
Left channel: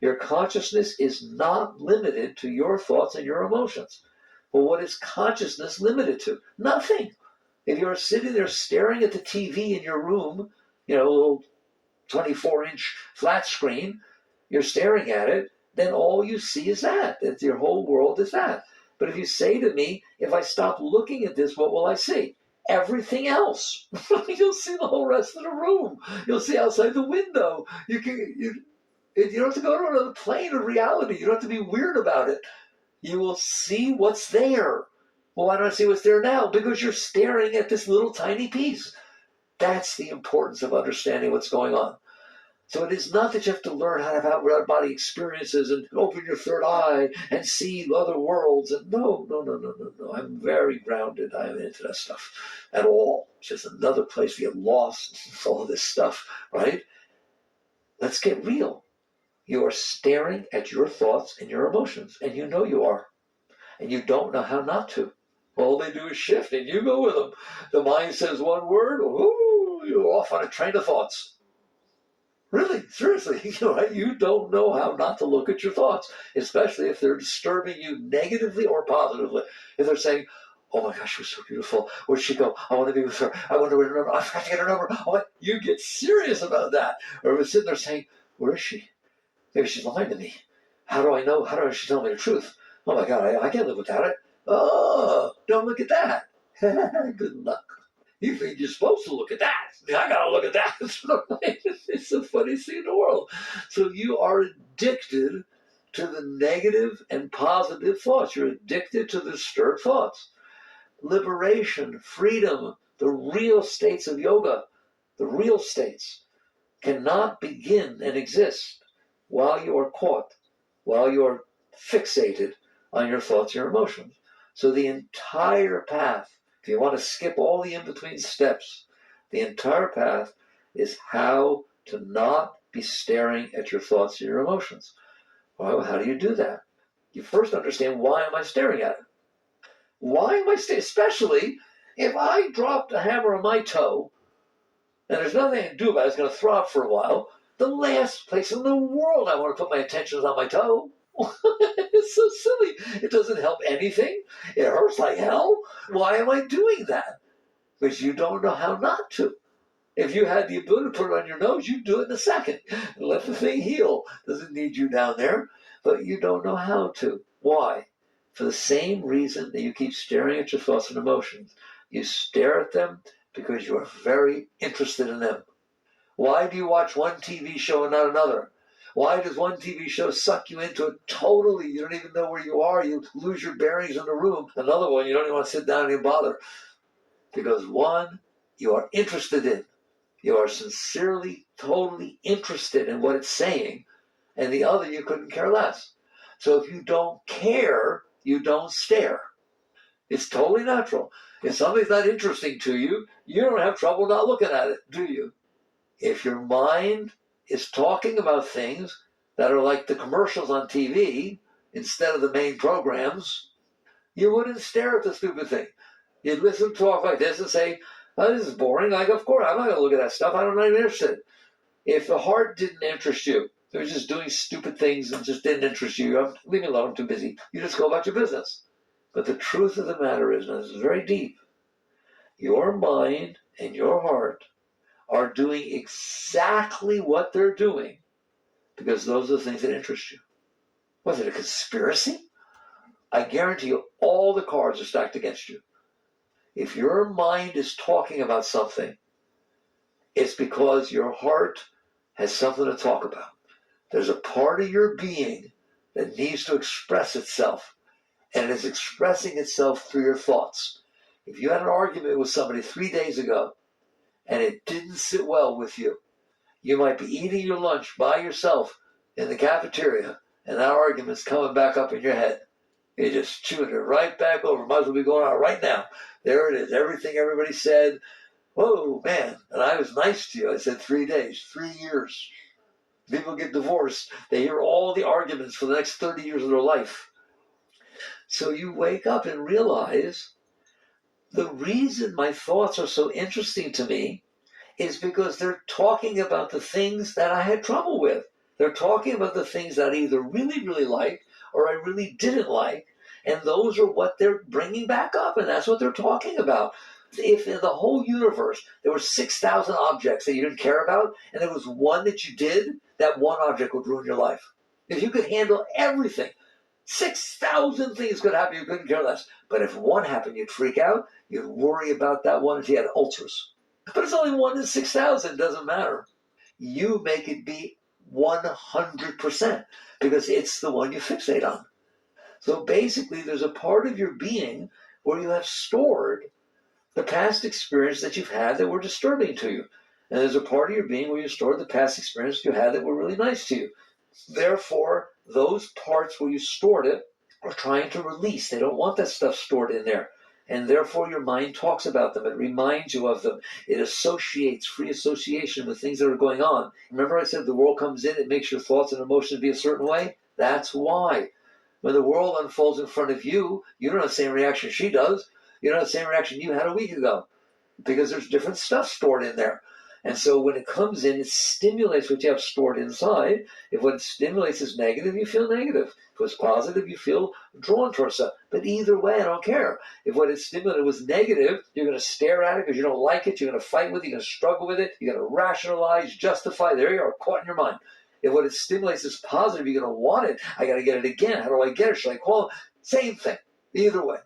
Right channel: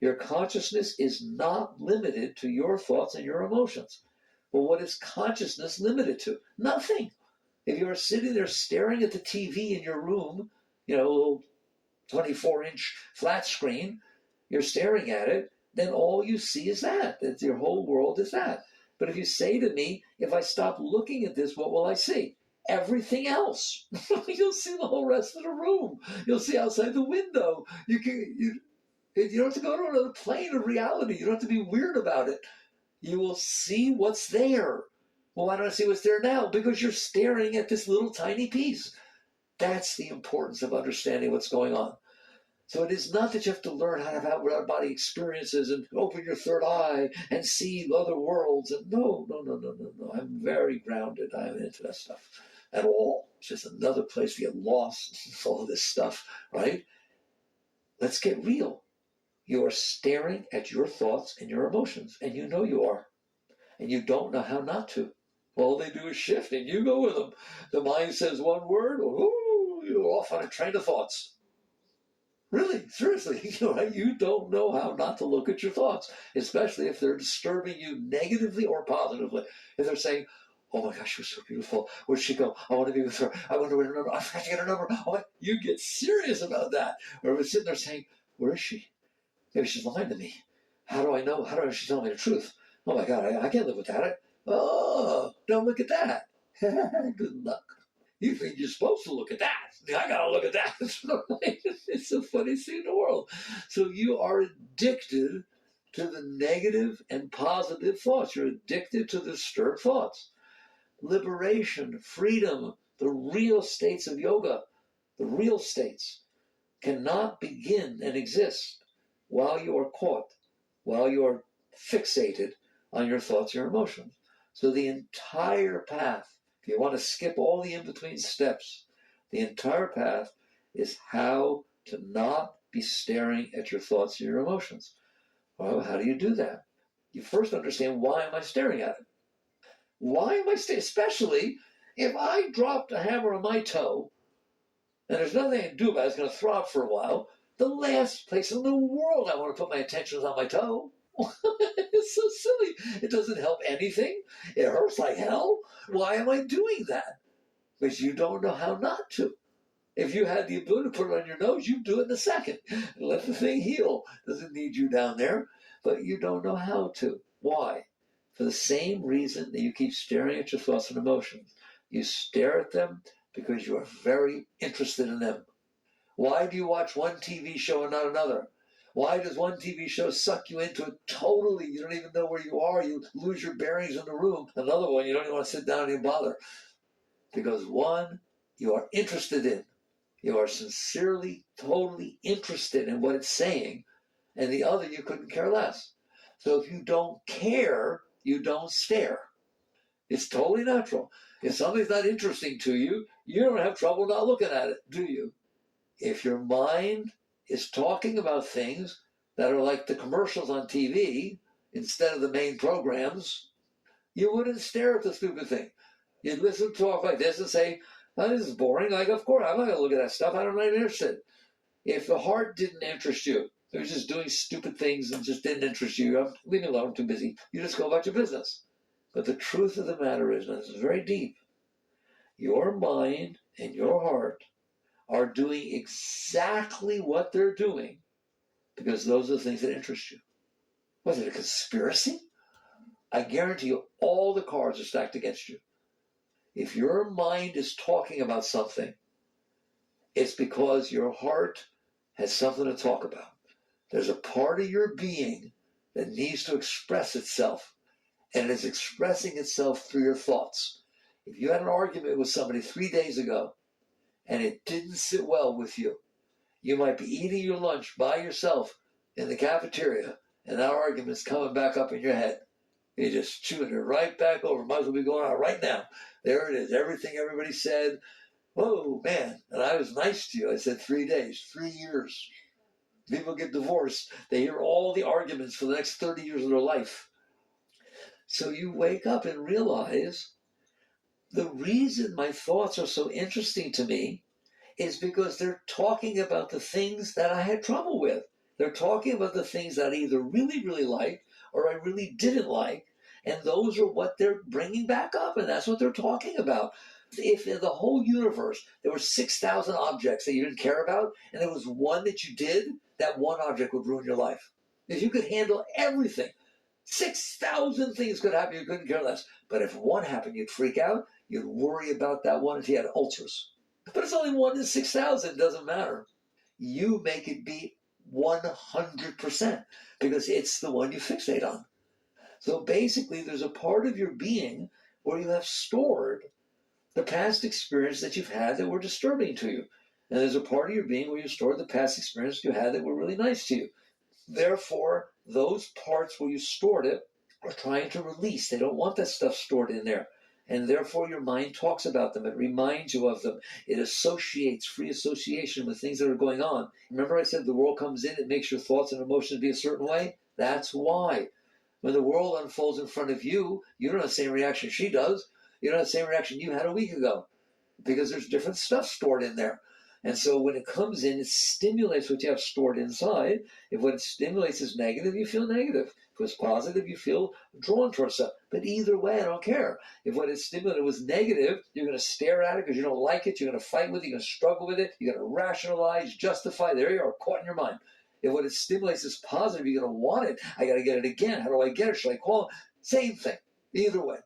Your consciousness is not limited to your thoughts and your emotions. Well, what is consciousness limited to? Nothing. If you're sitting there staring at the TV in your room, a little 24-inch flat screen, you're staring at it, then all you see is that. That's your whole world is that. But if you say to me, if I stop looking at this, what will I see? Everything else. You'll see the whole rest of the room. You'll see outside the window. You don't have to go to another plane of reality. You don't have to be weird about it. You will see what's there. Well, why don't I see what's there now? Because you're staring at this little tiny piece. That's the importance of understanding what's going on. So it is not that you have to learn how to have out-of-body experiences and open your third eye and see other worlds. And no. I'm very grounded. I am into that stuff at all. It's just another place to get lost. All this stuff, right? Let's get real. You are staring at your thoughts and your emotions, and you know you are. And you don't know how not to. All they do is shift, and you go with them. The mind says one word, ooh, you're off on a train of thoughts. Really, seriously, right? You don't know how not to look at your thoughts, especially if they're disturbing you negatively or positively. If they're saying, oh my gosh, she was so beautiful. Where'd she go? I want to be with her. I want to remember. I forgot to get her number. Oh, you get serious about that. Or if it's sitting there saying, where is she? Maybe she's lying to me. How do I know? How does she tell me the truth? Oh my God, I can't live without it. Oh, don't look at that. Good luck. You think you're supposed to look at that. I gotta look at that. It's the funniest thing in the world. So you are addicted to the negative and positive thoughts. You're addicted to the disturbed thoughts. Liberation, freedom, the real states of yoga, the real states, cannot begin and exist while you are caught, while you are fixated on your thoughts, your emotions. So the entire path, if you want to skip all the in-between steps, the entire path is how to not be staring at your thoughts and your emotions. Well, how do you do that? You first understand, why am I staring at it? Why am I staring? Especially if I dropped a hammer on my toe and there's nothing I can do about it. It's going to throb for a while. The last place in the world I want to put my attention is on my toe. It's so silly. It doesn't help anything. It hurts like hell. Why am I doing that? Because you don't know how not to. If you had the ability to put it on your nose, you'd do it in a second. Let the thing heal. Doesn't need you down there. But you don't know how to. Why? For the same reason that you keep staring at your thoughts and emotions. You stare at them because you are very interested in them. Why do you watch one TV show and not another? Why does one TV show suck you into it totally? You don't even know where you are. You lose your bearings in the room. Another one, you don't even want to sit down and even bother. Because one, you are interested in. You are sincerely, totally interested in what it's saying. And the other, you couldn't care less. So if you don't care, you don't stare. It's totally natural. If something's not interesting to you, you don't have trouble not looking at it, do you? If your mind is talking about things that are like the commercials on TV instead of the main programs, you wouldn't stare at the stupid thing. You'd listen to talk like this and say, oh, this is boring. Like, of course, I'm not going to look at that stuff. I'm not even interested. If the heart didn't interest you, it was just doing stupid things and just didn't interest you, leave me alone, I'm too busy. You just go about your business. But the truth of the matter is, and this is very deep, your mind and your heart are doing exactly what they're doing because those are the things that interest you. Was it a conspiracy? I guarantee you all the cards are stacked against you. If your mind is talking about something, it's because your heart has something to talk about. There's a part of your being that needs to express itself, and it is expressing itself through your thoughts. If you had an argument with somebody 3 days ago, and it didn't sit well with you, you might be eating your lunch by yourself in the cafeteria, and that argument's coming back up in your head. You're just chewing it right back over. Might as well be going on right now. There it is. Everything everybody said. Whoa, man. And I was nice to you. I said 3 days, 3 years. People get divorced. They hear all the arguments for the next 30 years of their life. So you wake up and realize the reason my thoughts are so interesting to me is because they're talking about the things that I had trouble with. They're talking about the things that I either really, really liked or I really didn't like. And those are what they're bringing back up. And that's what they're talking about. If in the whole universe there were 6,000 objects that you didn't care about, and there was one that you did, that one object would ruin your life. If you could handle everything, 6,000 things could happen, you couldn't care less. But if one happened, you'd freak out. You'd worry about that one if you had ulcers. But it's only 1 in 6,000, doesn't matter. You make it be 100% because it's the one you fixate on. So basically, there's a part of your being where you have stored the past experience that you've had that were disturbing to you. And there's a part of your being where you stored the past experience you had that were really nice to you. Therefore, those parts where you stored it are trying to release. They don't want that stuff stored in there. And therefore, your mind talks about them. It reminds you of them. It associates, free association with things that are going on. Remember I said the world comes in, it makes your thoughts and emotions be a certain way? That's why. When the world unfolds in front of you, you don't have the same reaction she does. You don't have the same reaction you had a week ago because there's different stuff stored in there. And so when it comes in, it stimulates what you have stored inside. If what it stimulates is negative, you feel negative. If it's positive, you feel drawn towards it. But either way, I don't care. If what it stimulated was negative, you're going to stare at it because you don't like it. You're going to fight with it. You're going to struggle with it. You're going to rationalize, justify. There you are, caught in your mind. If what it stimulates is positive, you're going to want it. I got to get it again. How do I get it? Should I call it? Same thing. Either way.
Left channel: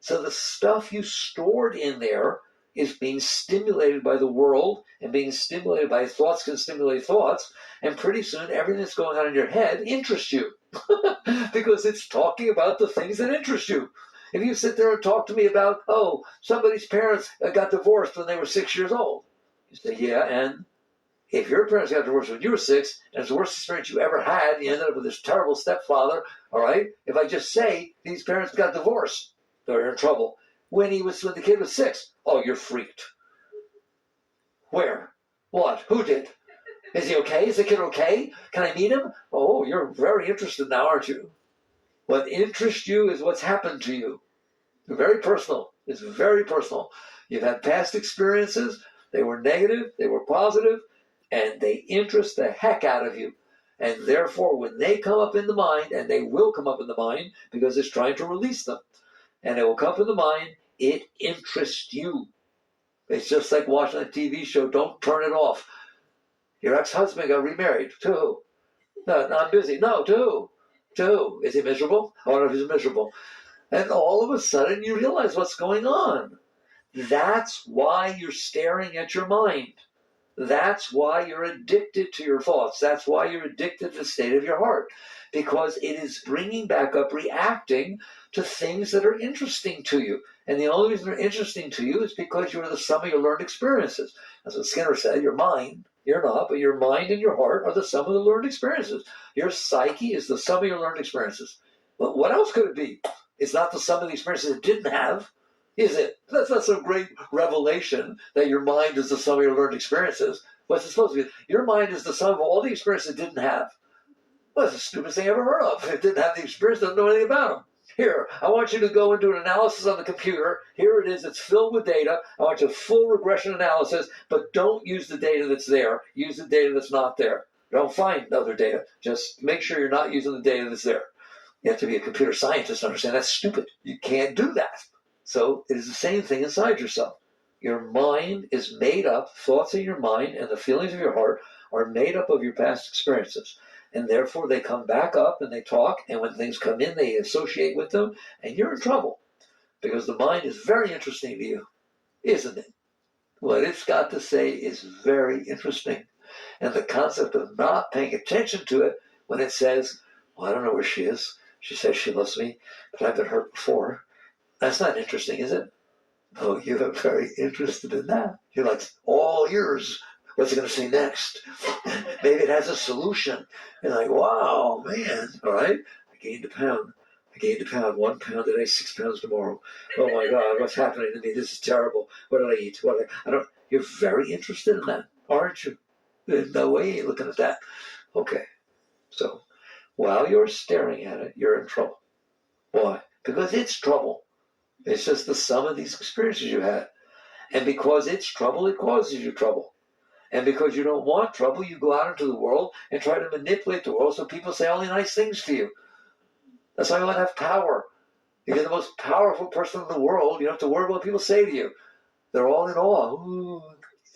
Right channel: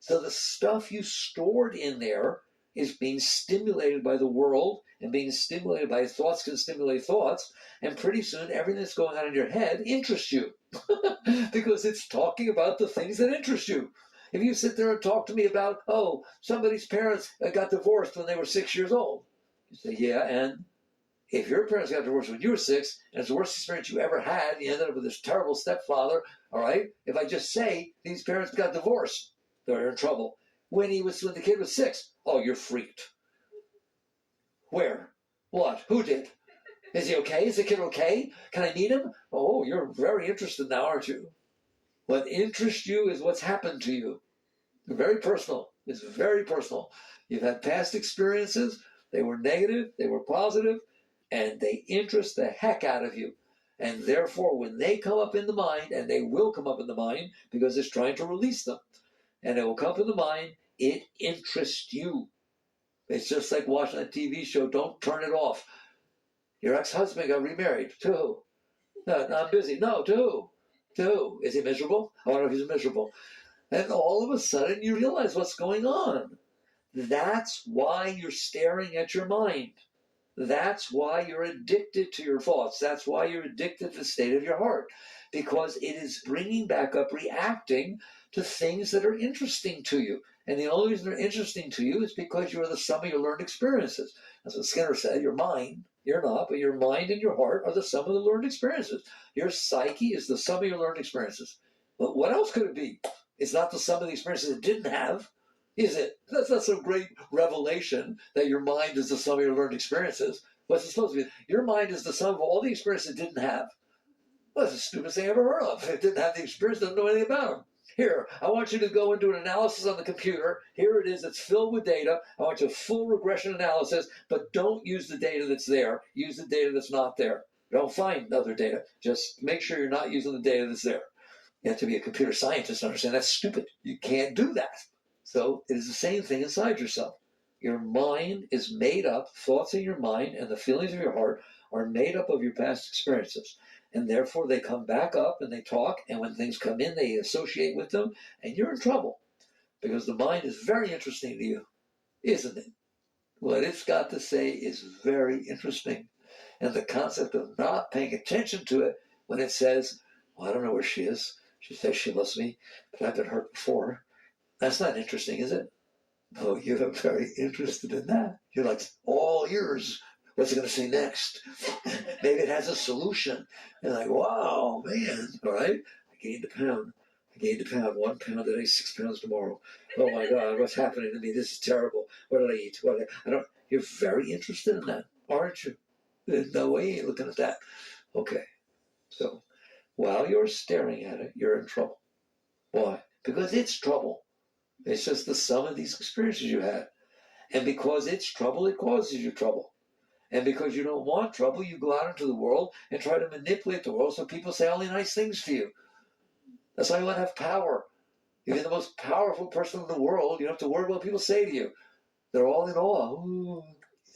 So the stuff you stored in there is being stimulated by the world, and being stimulated by thoughts can stimulate thoughts, and pretty soon everything that's going on in your head interests you because it's talking about the things that interest you. If you sit there and talk to me about, oh, somebody's parents got divorced when they were 6 years old, you say, yeah, and if your parents got divorced when you were 6, and it's the worst experience you ever had, you ended up with this terrible stepfather, all right? If I just say these parents got divorced, they're in trouble. When the kid was 6, oh, you're freaked. Where? What? Who did? Is he okay? Is the kid okay? Can I meet him? Oh, you're very interested now, aren't you? What interests you is what's happened to you. Very personal. It's very personal. You've had past experiences they were negative, they were positive, and they interest the heck out of you. And therefore, when they come up in the mind, and they will come up in the mind because it's trying to release them, and they will come up in the mind, it interests you. It's just like watching a TV show. Don't turn it off. Your ex-husband got remarried. To who? No, I'm busy. No, to who? To who? Is he miserable? I wonder if he's miserable. And all of a sudden, you realize what's going on. That's why you're staring at your mind. That's why you're addicted to your thoughts. That's why you're addicted to the state of your heart. Because it is bringing back up, reacting to things that are interesting to you. And the only reason they're interesting to you is because you are the sum of your learned experiences. That's what Skinner said. Your mind, you're not, but your mind and your heart are the sum of the learned experiences. Your psyche is the sum of your learned experiences. But what else could it be? It's not the sum of the experiences it didn't have. Is it? That's a great revelation that your mind is the sum of your learned experiences. What's it supposed to be? Your mind is the sum of all the experiences it didn't have. Well, that's the stupidest thing I ever heard of. It didn't have the experience, doesn't know anything about them. Here, I want you to go and do an analysis on the computer. Here it is. It's filled with data. I want you a full regression analysis, but don't use the data that's there. Use the data that's not there. Don't find other data. Just make sure you're not using the data that's there. You have to be a computer scientist to understand that's stupid. You can't do that. So it is the same thing inside yourself. Your mind is made up, thoughts in your mind and the feelings of your heart are made up of your past experiences. And therefore they come back up and they talk, and when things come in, they associate with them, and you're in trouble. Because the mind is very interesting to you, isn't it? What it's got to say is very interesting. And the concept of not paying attention to it when it says, well, I don't know where she is. She says she loves me, but I've been hurt before. That's not interesting, is it? No, you're very interested in that. You're like all ears. What's it going to say next? Maybe it has a solution. You're like, wow, man. All right. I gained a pound. 1 pound today, 6 pounds tomorrow. Oh my God, what's happening to me? This is terrible. What did I eat? I don't. You're very interested in that, aren't you? No way you're looking at that. Okay. So while you're staring at it, you're in trouble. Why? Because it's trouble. It's just the sum of these experiences you had. And because it's trouble, it causes you trouble. And because you don't want trouble, you go out into the world and try to manipulate the world so people say only nice things to you. That's why you want to have power. You're the most powerful person in the world. You don't have to worry about what people say to you. They're all in awe. Ooh,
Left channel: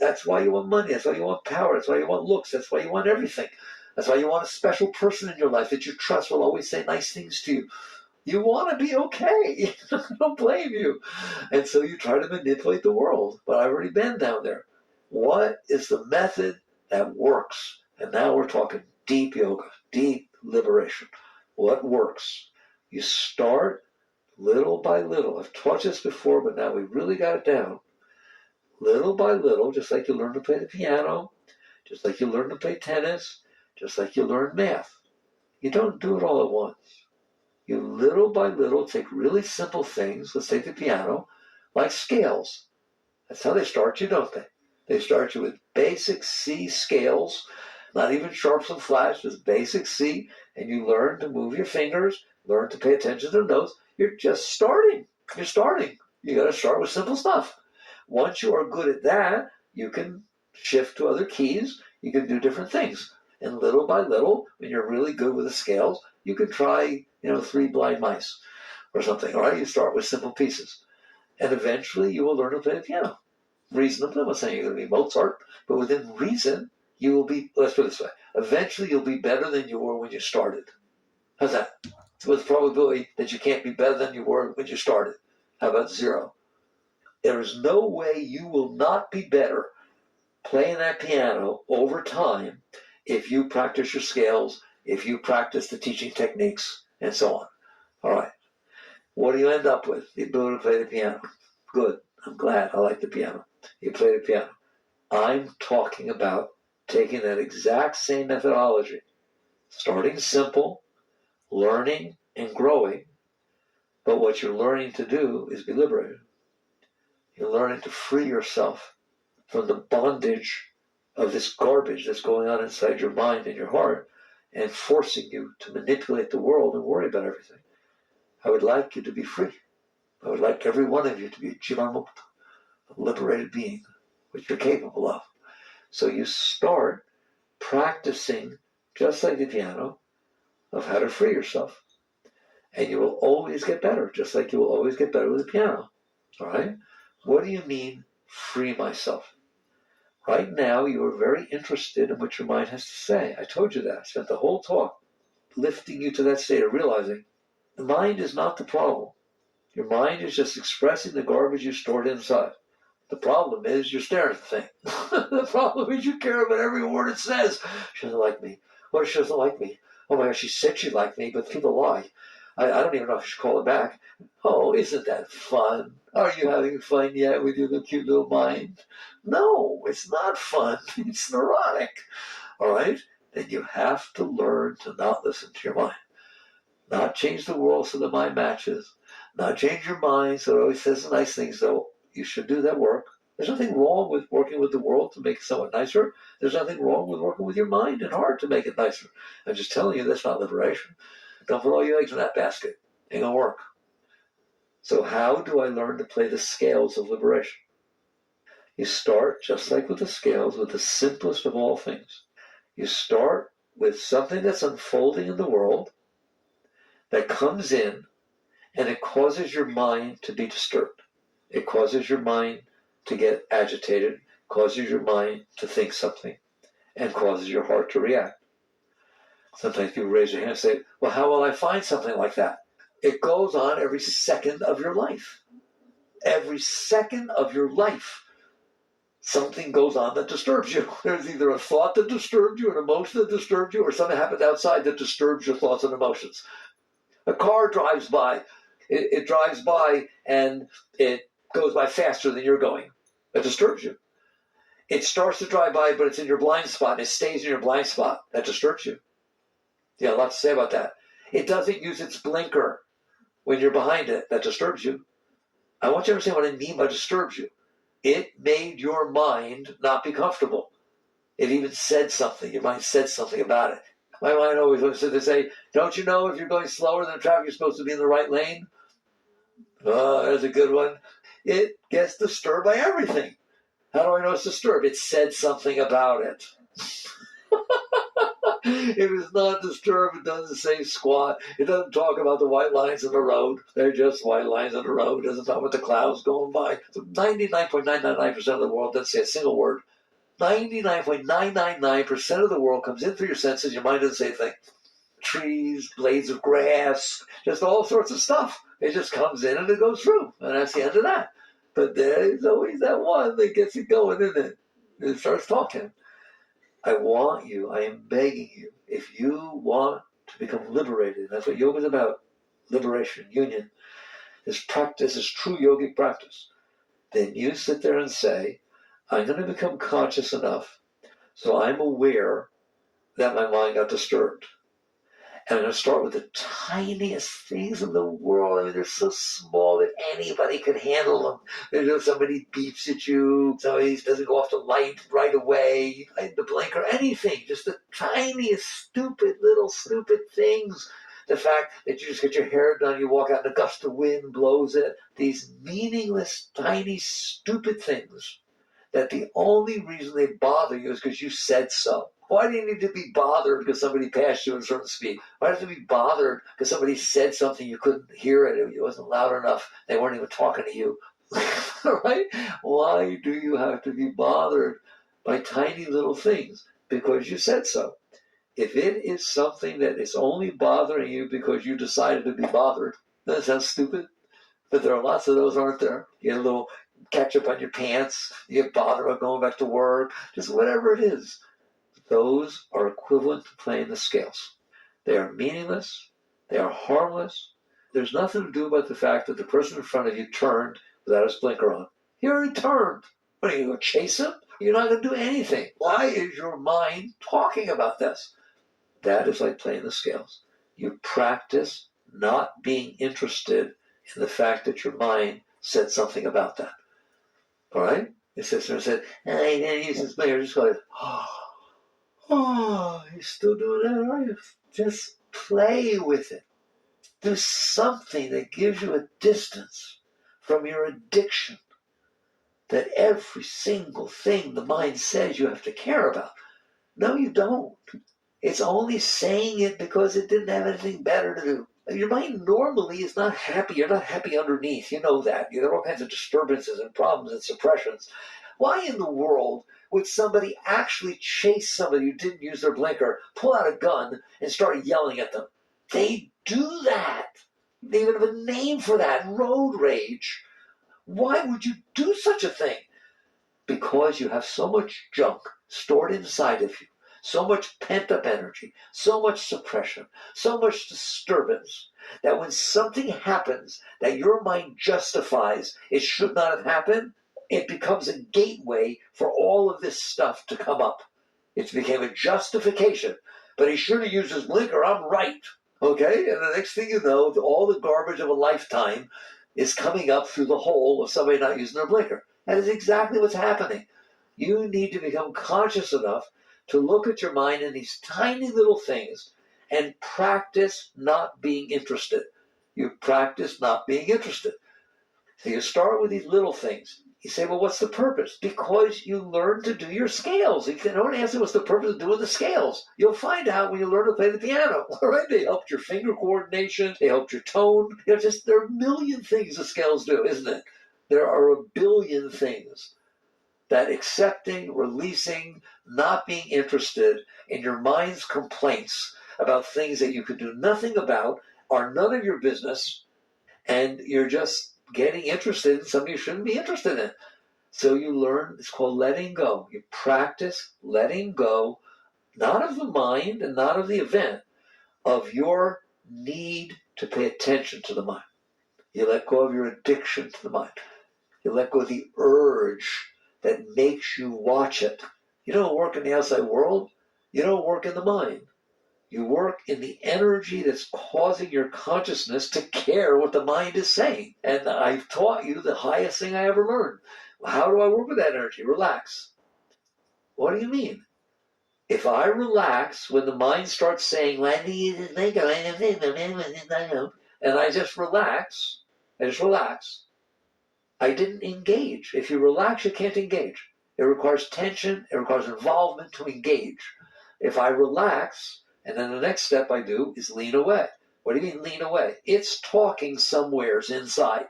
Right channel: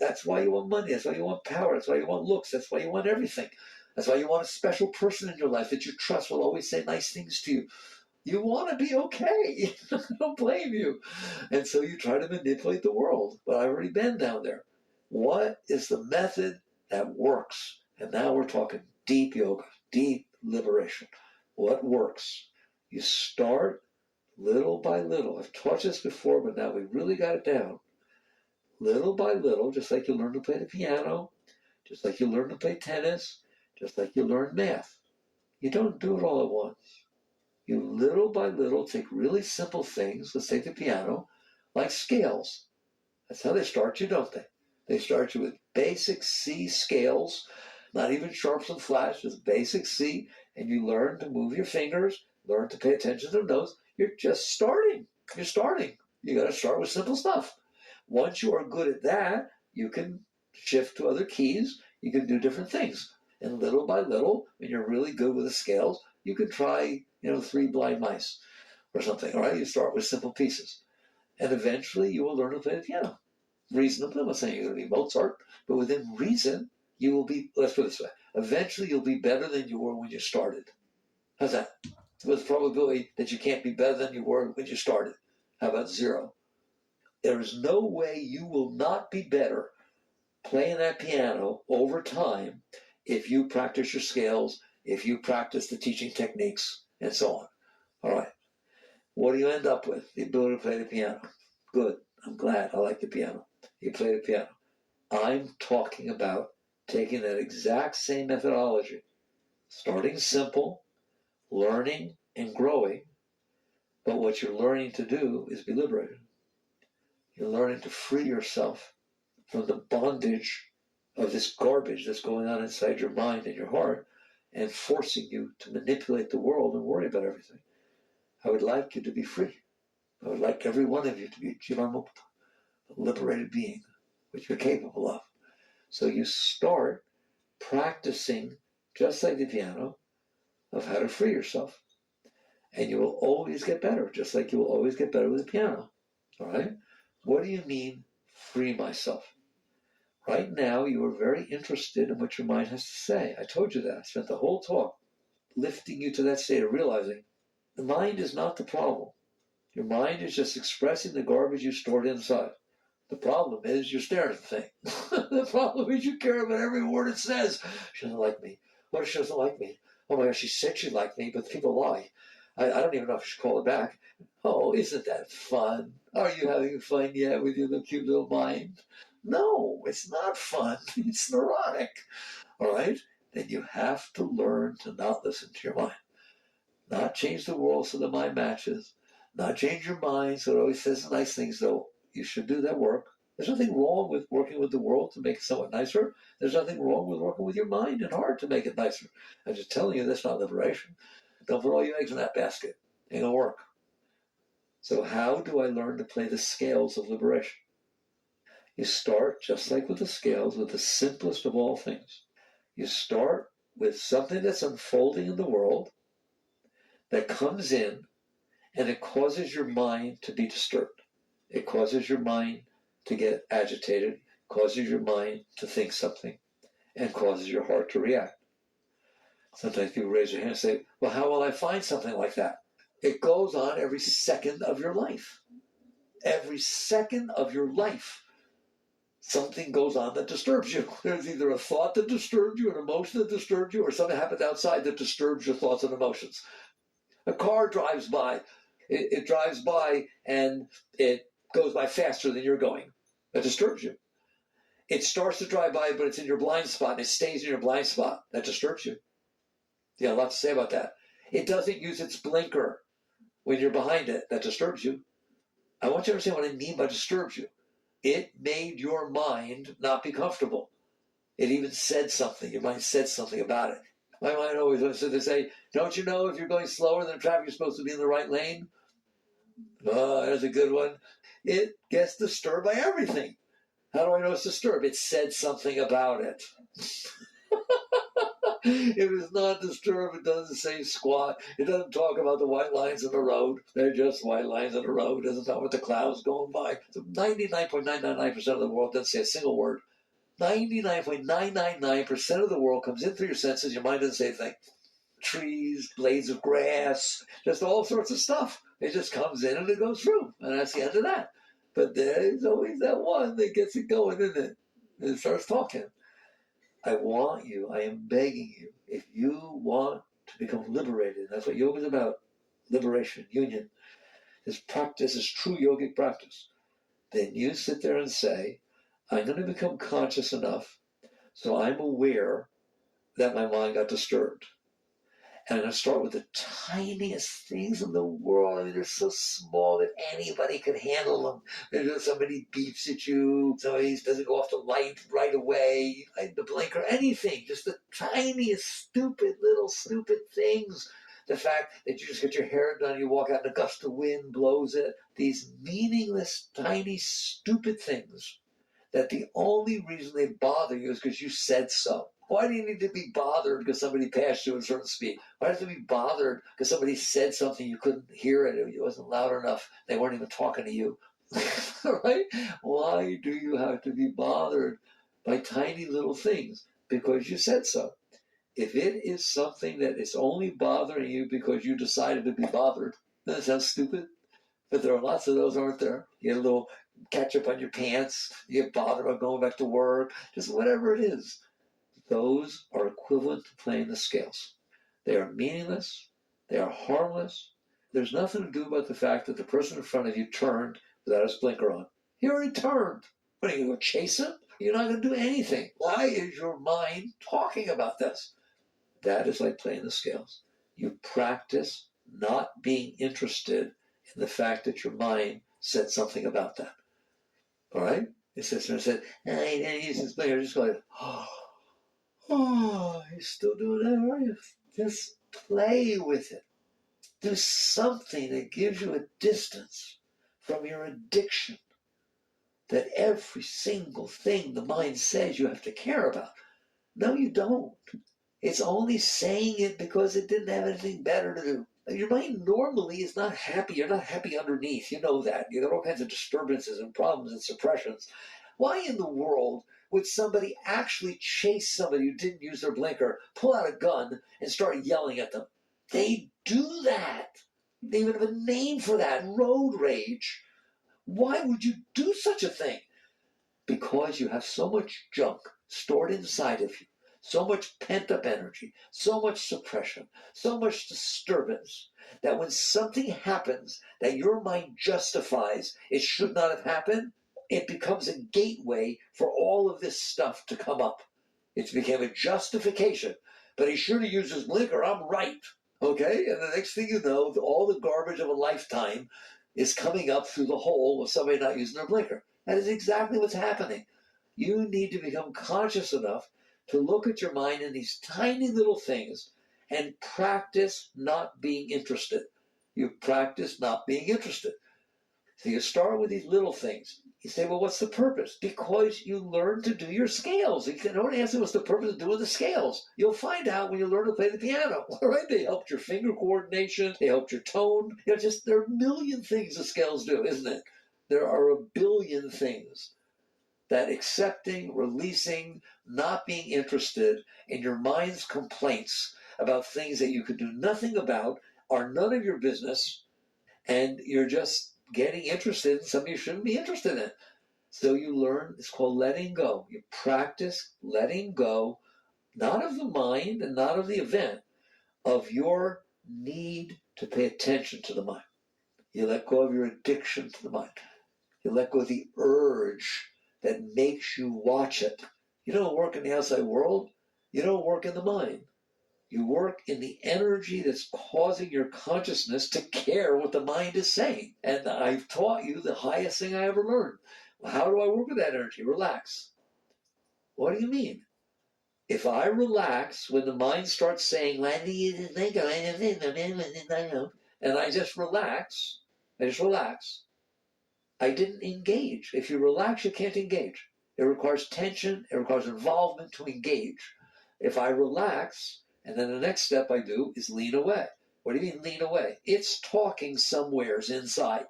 that's why you want money. That's why you want power. That's why you want looks. That's why you want everything. That's why you want a special person in your life that you trust will always say nice things to you. You want to be okay. I don't blame you. And so you try to manipulate the world. But I've already been down there. What is the method that works? And now we're talking deep yoga, deep liberation. What works? You start little by little. I've taught this before, but now we really got it down. Little by little, just like you learn to play the piano, just like you learn to play tennis, just like you learn math. You don't do it all at once. You little by little take really simple things, let's take the piano, like scales. That's how they start you, don't they? They start you with basic C scales, not even sharps and flats, just basic C, and you learn to move your fingers, learn to pay attention to the notes. You're just starting. You're starting. You got to start with simple stuff. Once you are good at that, you can shift to other keys. You can do different things. And little by little, when you're really good with the scales, you can try, 3 blind mice or something. All right, you start with simple pieces. And eventually you will learn to play the piano. Reasonably, I'm not saying you're going to be Mozart, but within reason, you will be, let's put it this way, eventually you'll be better than you were when you started. How's that? What's the probability that you can't be better than you were when you started? How about 0? There is no way you will not be better playing that piano over time if you practice your scales, if you practice the teaching techniques, and so on. All right. What do you end up with? The ability to play the piano. Good. I'm glad. I like the piano. You play the piano. I'm talking about taking that exact same methodology, starting simple, learning and growing, but what you're learning to do is be liberated. You're learning to free yourself from the bondage of this garbage that's going on inside your mind and your heart and forcing you to manipulate the world and worry about everything. I would like you to be free. I would like every one of you to be Jivan Mukta, a liberated being what you're capable of. So you start practicing, just like the piano, of how to free yourself. And you will always get better, just like you will always get better with the piano. All right? What do you mean, free myself? Right now, you are very interested in what your mind has to say. I told you that. I spent the whole talk lifting you to that state of realizing the mind is not the problem. Your mind is just expressing the garbage you stored inside. The problem is you're staring at the thing. The problem is you care about every word it says. She doesn't like me. What if she doesn't like me? Oh my gosh, she said she liked me, but people lie. I don't even know if I should call it back. Oh, isn't that fun? Are you having fun yet with your little cute little mind? No, it's not fun. It's neurotic. All right? Then you have to learn to not listen to your mind. Not change the world so the mind matches. Not change your mind so it always says nice things, though. You should do that work. There's nothing wrong with working with the world to make it somewhat nicer. There's nothing wrong with working with your mind and heart to make it nicer. I'm just telling you that's not liberation. Don't put all your eggs in that basket. Ain't gonna work. So how do I learn to play the scales of liberation? You start, just like with the scales, with the simplest of all things. You start with something that's unfolding in the world that comes in and it causes your mind to be disturbed. It causes your mind to get agitated, causes your mind to think something, and causes your heart to react. Sometimes people raise their hand and say, well, how will I find something like that? It goes on every second of your life. Every second of your life, something goes on that disturbs you. There's either a thought that disturbs you, an emotion that disturbs you, or something happens outside that disturbs your thoughts and emotions. A car drives by. It drives by and it goes by faster than you're going. That disturbs you. It starts to drive by, but it's in your blind spot, and it stays in your blind spot. That disturbs you. Yeah, a lot to say about that. It doesn't use its blinker when you're behind it. That disturbs you. I want you to understand what I mean by disturbs you. It made your mind not be comfortable. It even said something. Your mind said something about it. My mind always wants to say, don't you know if you're going slower than traffic, you're supposed to be in the right lane? Oh, there's a good one. It gets disturbed by everything. How do I know it's disturbed? It said something about it. If it's not disturbed, it doesn't say squat. It doesn't talk about the white lines in the road. They're just white lines in the road. It doesn't talk about the clouds going by. So 99.999% of the world doesn't say a single word. 99.999% of the world comes in through your senses. Your mind doesn't say a thing. Trees, blades of grass, just all sorts of stuff. It just comes in and it goes through. And that's the end of that. But there's always that one that gets it going, isn't it? It starts talking. I am begging you, if you want to become liberated, that's what yoga is about, liberation, union, this practice, this true yogic practice, then you sit there and say, I'm going to become conscious enough so I'm aware that my mind got disturbed. And I'm going to start with the tiniest things in the world. I mean, they're so small that anybody could handle them. There's somebody beeps at you, somebody doesn't go off the light right away, like the blinker, anything. Just the tiniest, stupid things. The fact that you just get your hair done, you walk out and a gust of wind blows it. These meaningless, tiny, stupid things that the only reason they bother you is because you said so. Why do you need to be bothered because somebody passed you at a certain speed? Why do you have to be bothered because somebody said something you couldn't hear it? It wasn't loud enough. They weren't even talking to you. Right? Why do you have to be bothered by tiny little things? Because you said so. If it is something that is only bothering you because you decided to be bothered, that sounds stupid. But there are lots of those, aren't there? You get a little ketchup on your pants, you get bothered about going back to work, just whatever it is. Those are equivalent to playing the scales. They are meaningless. They are harmless. There's nothing to do about the fact that the person in front of you turned without his blinker on. He already turned. What, are you going to chase him? You're not going to do anything. Why is your mind talking about this? That is like playing the scales. You practice not being interested in the fact that your mind said something about that. All right? It sits there and said, I didn't use this blinker. Just go, oh, you're still doing that, are you? Just play with it. Do something that gives you a distance from your addiction. that every single thing the mind says you have to care about. No, you don't. It's only saying it because it didn't have anything better to do. Your mind normally is not happy. You're not happy underneath. You know that. You got all kinds of disturbances and problems and suppressions. Why in the world would somebody actually chase somebody who didn't use their blinker, pull out a gun, and start yelling at them? They do that. They even have a name for that, road rage. Why would you do such a thing? Because you have so much junk stored inside of you, so much pent up energy, so much suppression, so much disturbance, that when something happens that your mind justifies it should not have happened, it becomes a gateway for all of this stuff to come up. It became a justification. But he should have used his blinker, I'm right. Okay? And the next thing you know, all the garbage of a lifetime is coming up through the hole of somebody not using their blinker. That is exactly what's happening. You need to become conscious enough to look at your mind in these tiny little things and practice not being interested. You practice not being interested. So you start with these little things. You say, well, what's the purpose? Because you learn to do your scales. You can only answer what's the purpose of doing the scales. You'll find out when you learn to play the piano. All right? They helped your finger coordination. They helped your tone. There are a million things the scales do, isn't it? There are a billion things that accepting, releasing, not being interested in your mind's complaints about things that you could do nothing about are none of your business, and you're just getting interested in something you shouldn't be interested in. So you learn, it's called letting go. You practice letting go, not of the mind and not of the event, of your need to pay attention to the mind. You let go of your addiction to the mind. You let go of the urge that makes you watch it. You don't work in the outside world. You don't work in the mind. You work in the energy that's causing your consciousness to care what the mind is saying. And I've taught you the highest thing I ever learned. How do I work with that energy? Relax. What do you mean? If I relax when the mind starts saying, and I just relax, I didn't engage. If you relax, you can't engage. It requires tension, it requires involvement to engage. If I relax, and then the next step I do is lean away. What do you mean lean away? It's talking somewheres inside.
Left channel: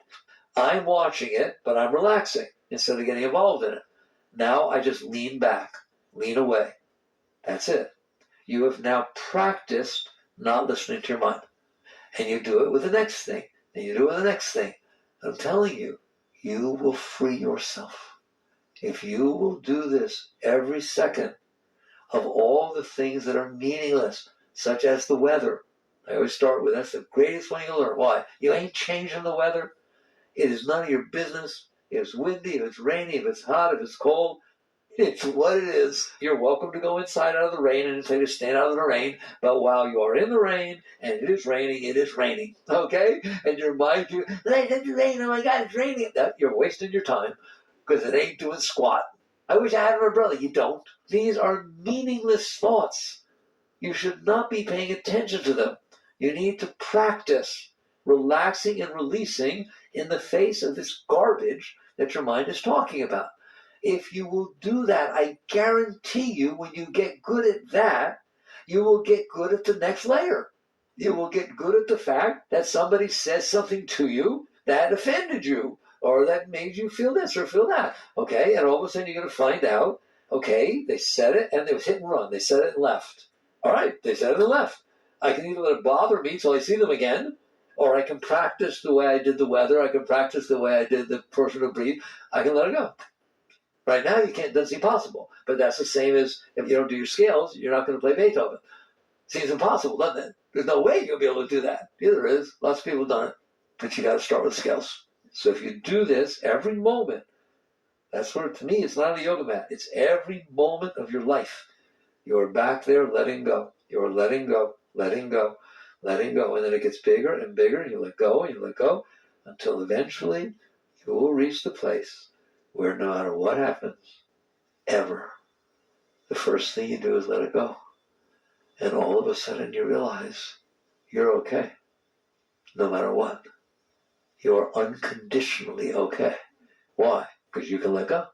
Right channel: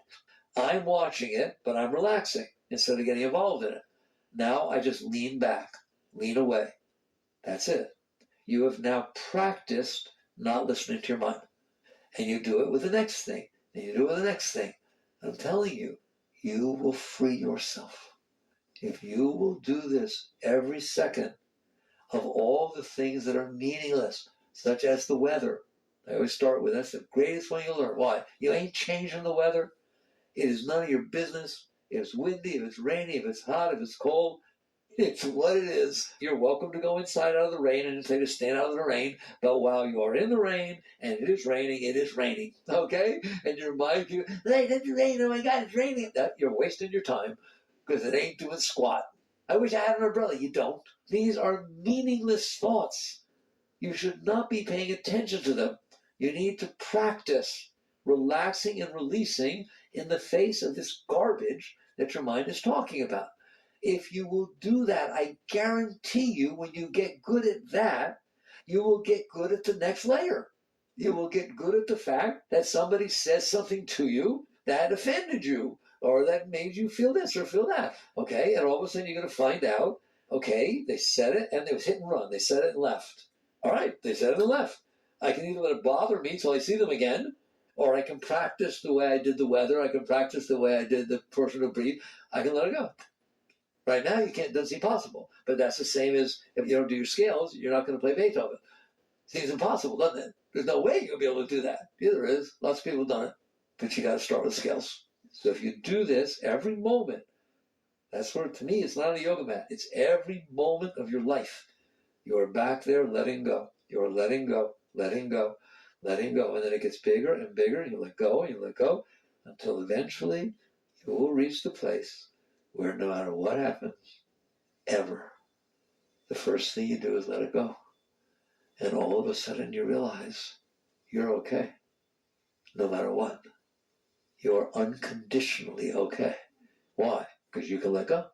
I'm watching it, but I'm relaxing instead of getting involved in it. Now I just lean back, lean away. That's it. You have now practiced not listening to your mind. And you do it with the next thing, and you do it with the next thing. I'm telling you, you will free yourself. If you will do this every second of all the things that are meaningless, such as the weather. I always start with that's the greatest one you'll learn. Why? You ain't changing the weather. It is none of your business. If it's windy, if it's rainy, if it's hot, if it's cold, it's what it is. You're welcome to go inside out of the rain and say to stand out of the rain. But while you are in the rain and it is raining, it is raining. Okay? And your mind, it's raining. Oh my God, it's raining. You're wasting your time because it ain't doing squat. I wish I had an umbrella. You don't. These are meaningless thoughts. You should not be paying attention to them. You need to practice relaxing and releasing in the face of this garbage that your mind is talking about. If you will do that, I guarantee you, when you get good at that, you will get good at the next layer. You will get good at the fact that somebody says something to you that offended you or that made you feel this or feel that. Okay, and all of a sudden you're going to find out, okay, they said it and it was hit and run. They said it and left. All right, they said it and left. I can either let it bother me till I see them again, or I can practice the way I did the weather. I can practice the way I did the person who breathed. I can let it go. Right now, you can't. Doesn't seem possible. But that's the same as if you don't do your scales, you're not going to play Beethoven. Seems impossible, doesn't it? There's no way you'll be able to do that. Yeah, there is. Lots of people have done it. But you got to start with scales. So if you do this every moment, that's where, to me, it's not on a yoga mat. It's every moment of your life. You're back there letting go. You're letting go, letting go, letting go. And then it gets bigger and bigger, and you let go, and you let go, until eventually you will reach the place where no matter what happens, ever, the first thing you do is let it go. And all of a sudden you realize you're okay. No matter what. You're unconditionally okay. Why? because you can let go.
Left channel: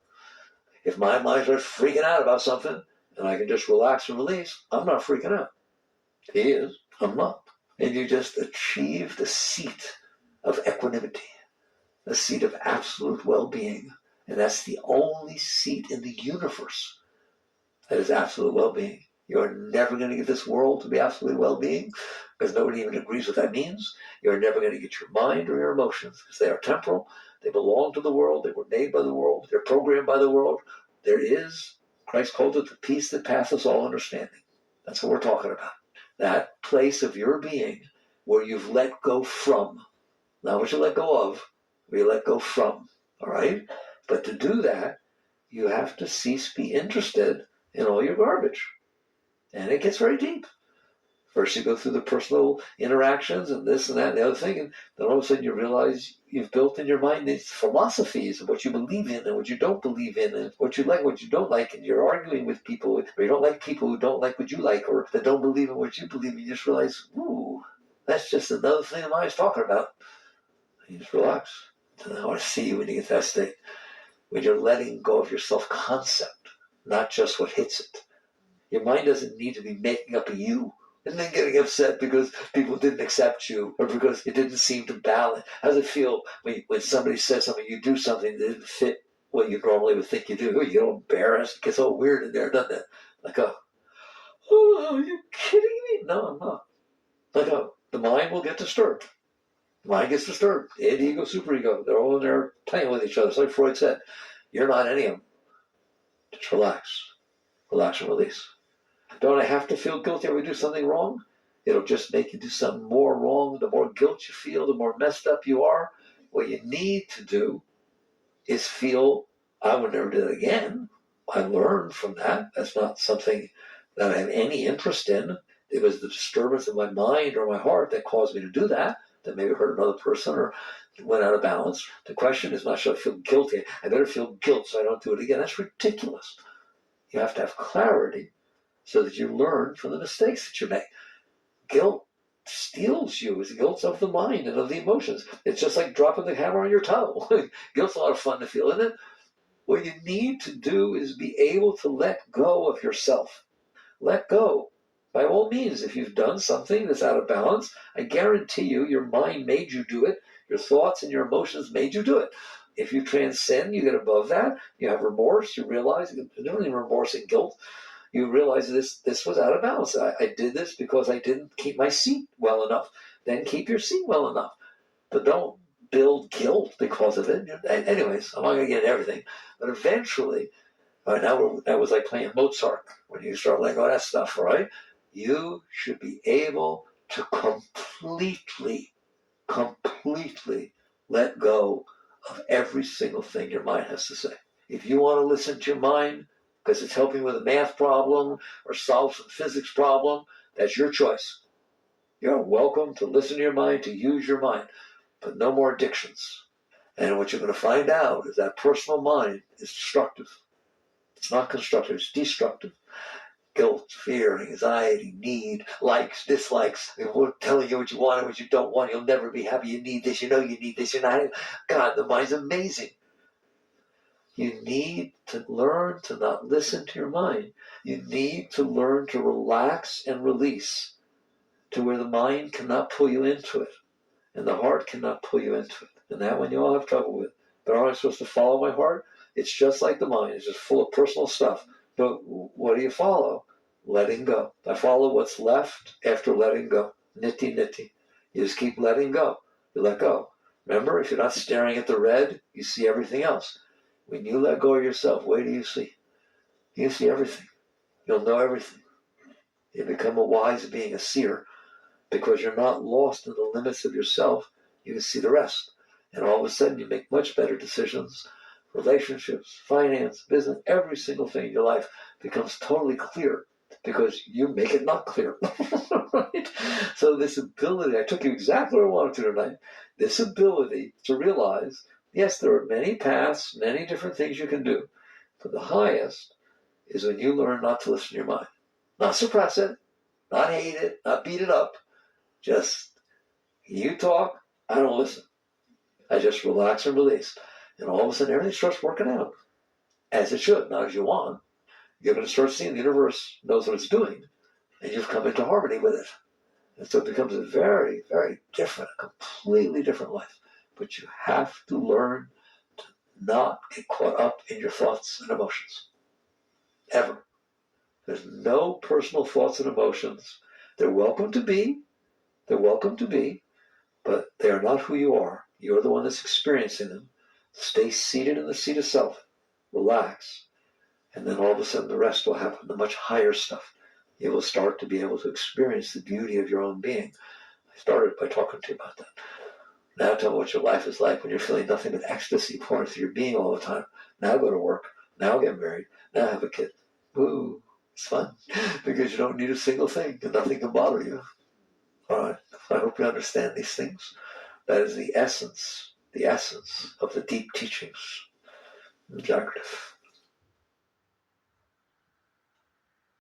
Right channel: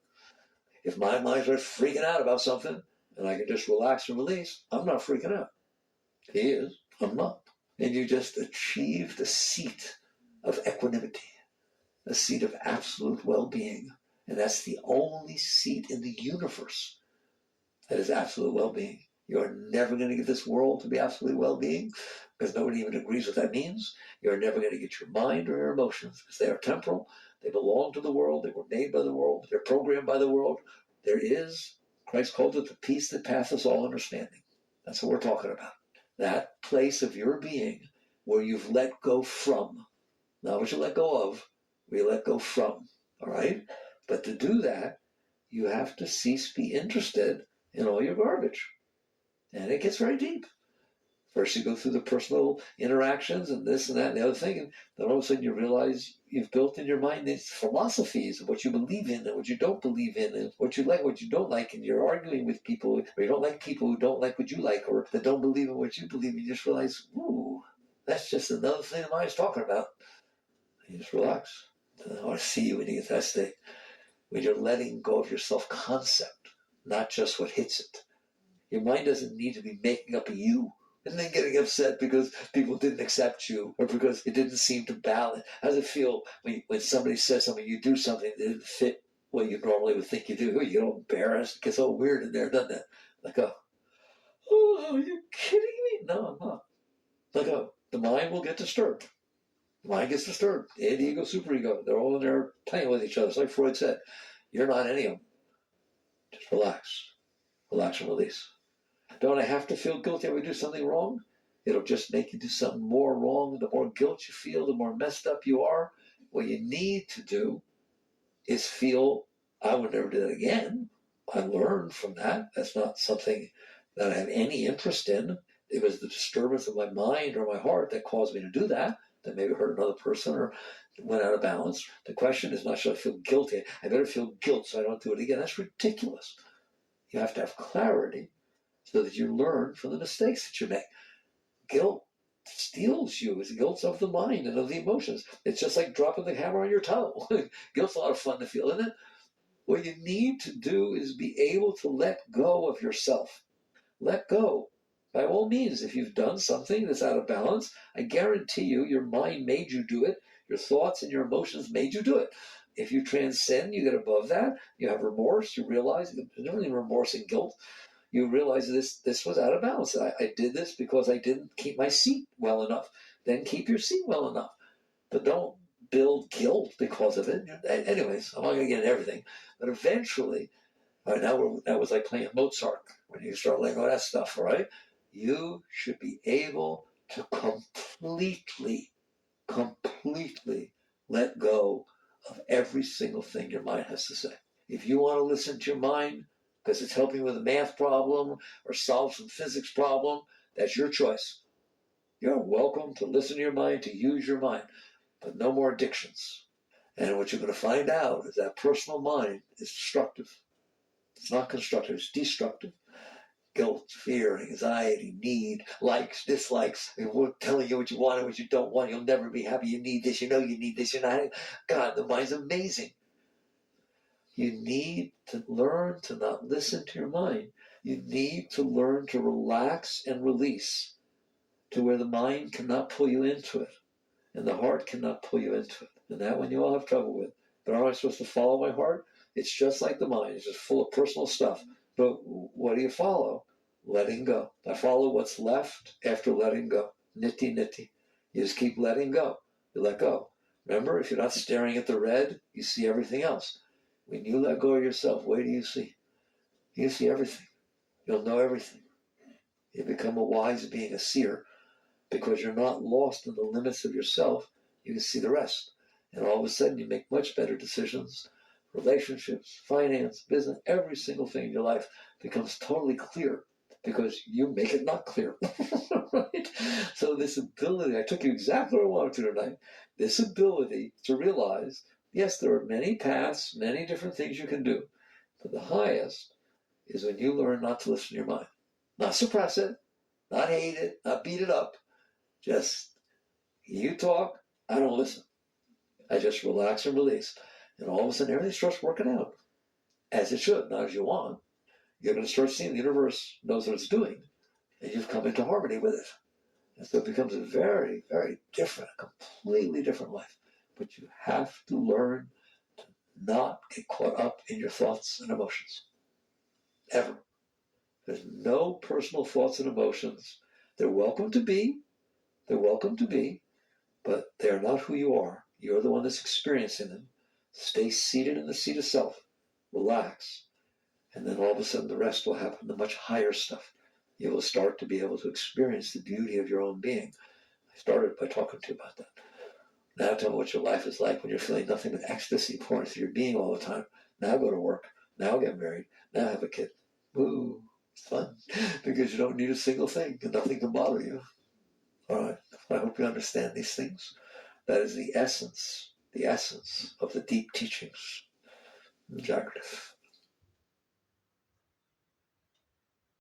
If my mind starts freaking out about something and I can just relax and release, I'm not freaking out. He is, I'm not. And you just achieve the seat of equanimity, the seat of absolute well-being. And that's the only seat in the universe that is absolute well-being. You're never going to get this world to be absolutely well-being because nobody even agrees what that means. You're never going to get your mind or your emotions because they are temporal. They belong to the world. They were made by the world. They're programmed by the world. There is, Christ called it the peace that passeth all understanding. That's what we're talking about. That place of your being where you've let go from, not what you let go of, where you let go from, all right? But to do that, you have to cease be interested in all your garbage. And it gets very deep. First you go through the personal interactions and this and that and the other thing, and then all of a sudden you realize you've built in your mind these philosophies of what you believe in and what you don't believe in and what you like, what you don't like, and you're arguing with people, or you don't like people who don't like what you like or that don't believe in what you believe in. You just realize, ooh, that's just another thing the mind's talking about. And you just relax. And I want to see you when you get to that state, when you're letting go of your self-concept, not just what hits it. Your mind doesn't need to be making up a you and then getting upset because people didn't accept you or because it didn't seem to balance. How does it feel when somebody says something, you do something that didn't fit what you normally would think you do? You get all embarrassed. It gets all weird in there, doesn't it? Like, oh, are you kidding me? No, I'm not. Like, the mind will get disturbed. The mind gets disturbed. Id, ego, superego, they're all in there playing with each other. It's like Freud said, you're not any of them. Just relax. Relax and release. Don't I have to feel guilty when we do something wrong? It'll just make you do something more wrong. The more guilt you feel, the more messed up you are. What you need to do is feel, I would never do that again. I learned from that. That's not something that I have any interest in. It was the disturbance of my mind or my heart that caused me to do that maybe hurt another person or went out of balance. The question is not, should I feel guilty? I better feel guilt so I don't do it again. That's ridiculous. You have to have clarity so that you learn from the mistakes that you make. Guilt steals you. Guilt's of the mind and of the emotions. It's just like dropping the hammer on your toe. Guilt's a lot of fun to feel, isn't it? What you need to do is be able to let go of yourself. Let go. By all means, if you've done something that's out of balance, I guarantee you your mind made you do it. Your thoughts and your emotions made you do it. If you transcend, you get above that, you have remorse, you realize, there's only remorse and guilt. You realize this was out of balance. I did this because I didn't keep my seat well enough. Then keep your seat well enough. But don't build guilt because of it. Anyways, I'm not going to get into everything. But eventually, right now that was like playing Mozart. When you start letting go of that stuff, right? You should be able to completely let go of every single thing your mind has to say. If you want to listen to your mind because it's helping with a math problem or solve some physics problem, that's your choice. You're welcome to listen to your mind, to use your mind, but no more addictions. And what you're going to find out is that personal mind is destructive. It's not constructive, it's destructive. Guilt, fear, anxiety, need, likes, dislikes. We're telling you what you want and what you don't want. You'll never be happy. You need this. You know you need this. You're not. God, the mind's amazing. You need to learn to not listen to your mind. You need to learn to relax and release to where the mind cannot pull you into it and the heart cannot pull you into it. And that one you all have trouble with. But aren't I supposed to follow my heart? It's just like the mind. It's just full of personal stuff. But what do you follow? Letting go. I follow what's left after letting go. Nitty nitty. You just keep letting go. You let go. Remember, if you're not staring at the red, you see everything else. When you let go of yourself, what do you see? You see everything. You'll know everything. You become a wise being, a seer, because you're not lost in the limits of yourself. You can see the rest. And all of a sudden, you make much better decisions. Relationships, finance, business, every single thing in your life becomes totally clear because you make it not clear. Right? So this ability, I took you exactly where I wanted to tonight, this ability to realize, yes, there are many paths, many different things you can do, but the highest is when you learn not to listen to your mind. Not suppress it, not hate it, not beat it up, just you talk, I don't listen. I just relax and release. And all of a sudden everything starts working out as it should, not as you want. You're going to start seeing the universe knows what it's doing, and you've come into harmony with it. And so it becomes a very, very different, completely different life. But you have to learn to not get caught up in your thoughts and emotions. Ever. There's no personal thoughts and emotions. They're welcome to be. They're welcome to be. But they are not who you are. You're the one that's experiencing them. Stay seated in the seat of self. Relax. And then all of a sudden the rest will happen, the much higher stuff. You will start to be able to experience the beauty of your own being. I started by talking to you about that. Now tell me what your life is like when you're feeling nothing but ecstasy pouring through your being all the time. Now go to work. Now get married. Now have a kid. Ooh, it's fun. Because you don't need a single thing and nothing can bother you. All right. I hope you understand these things. That is the essence of the deep teachings. Jagrath.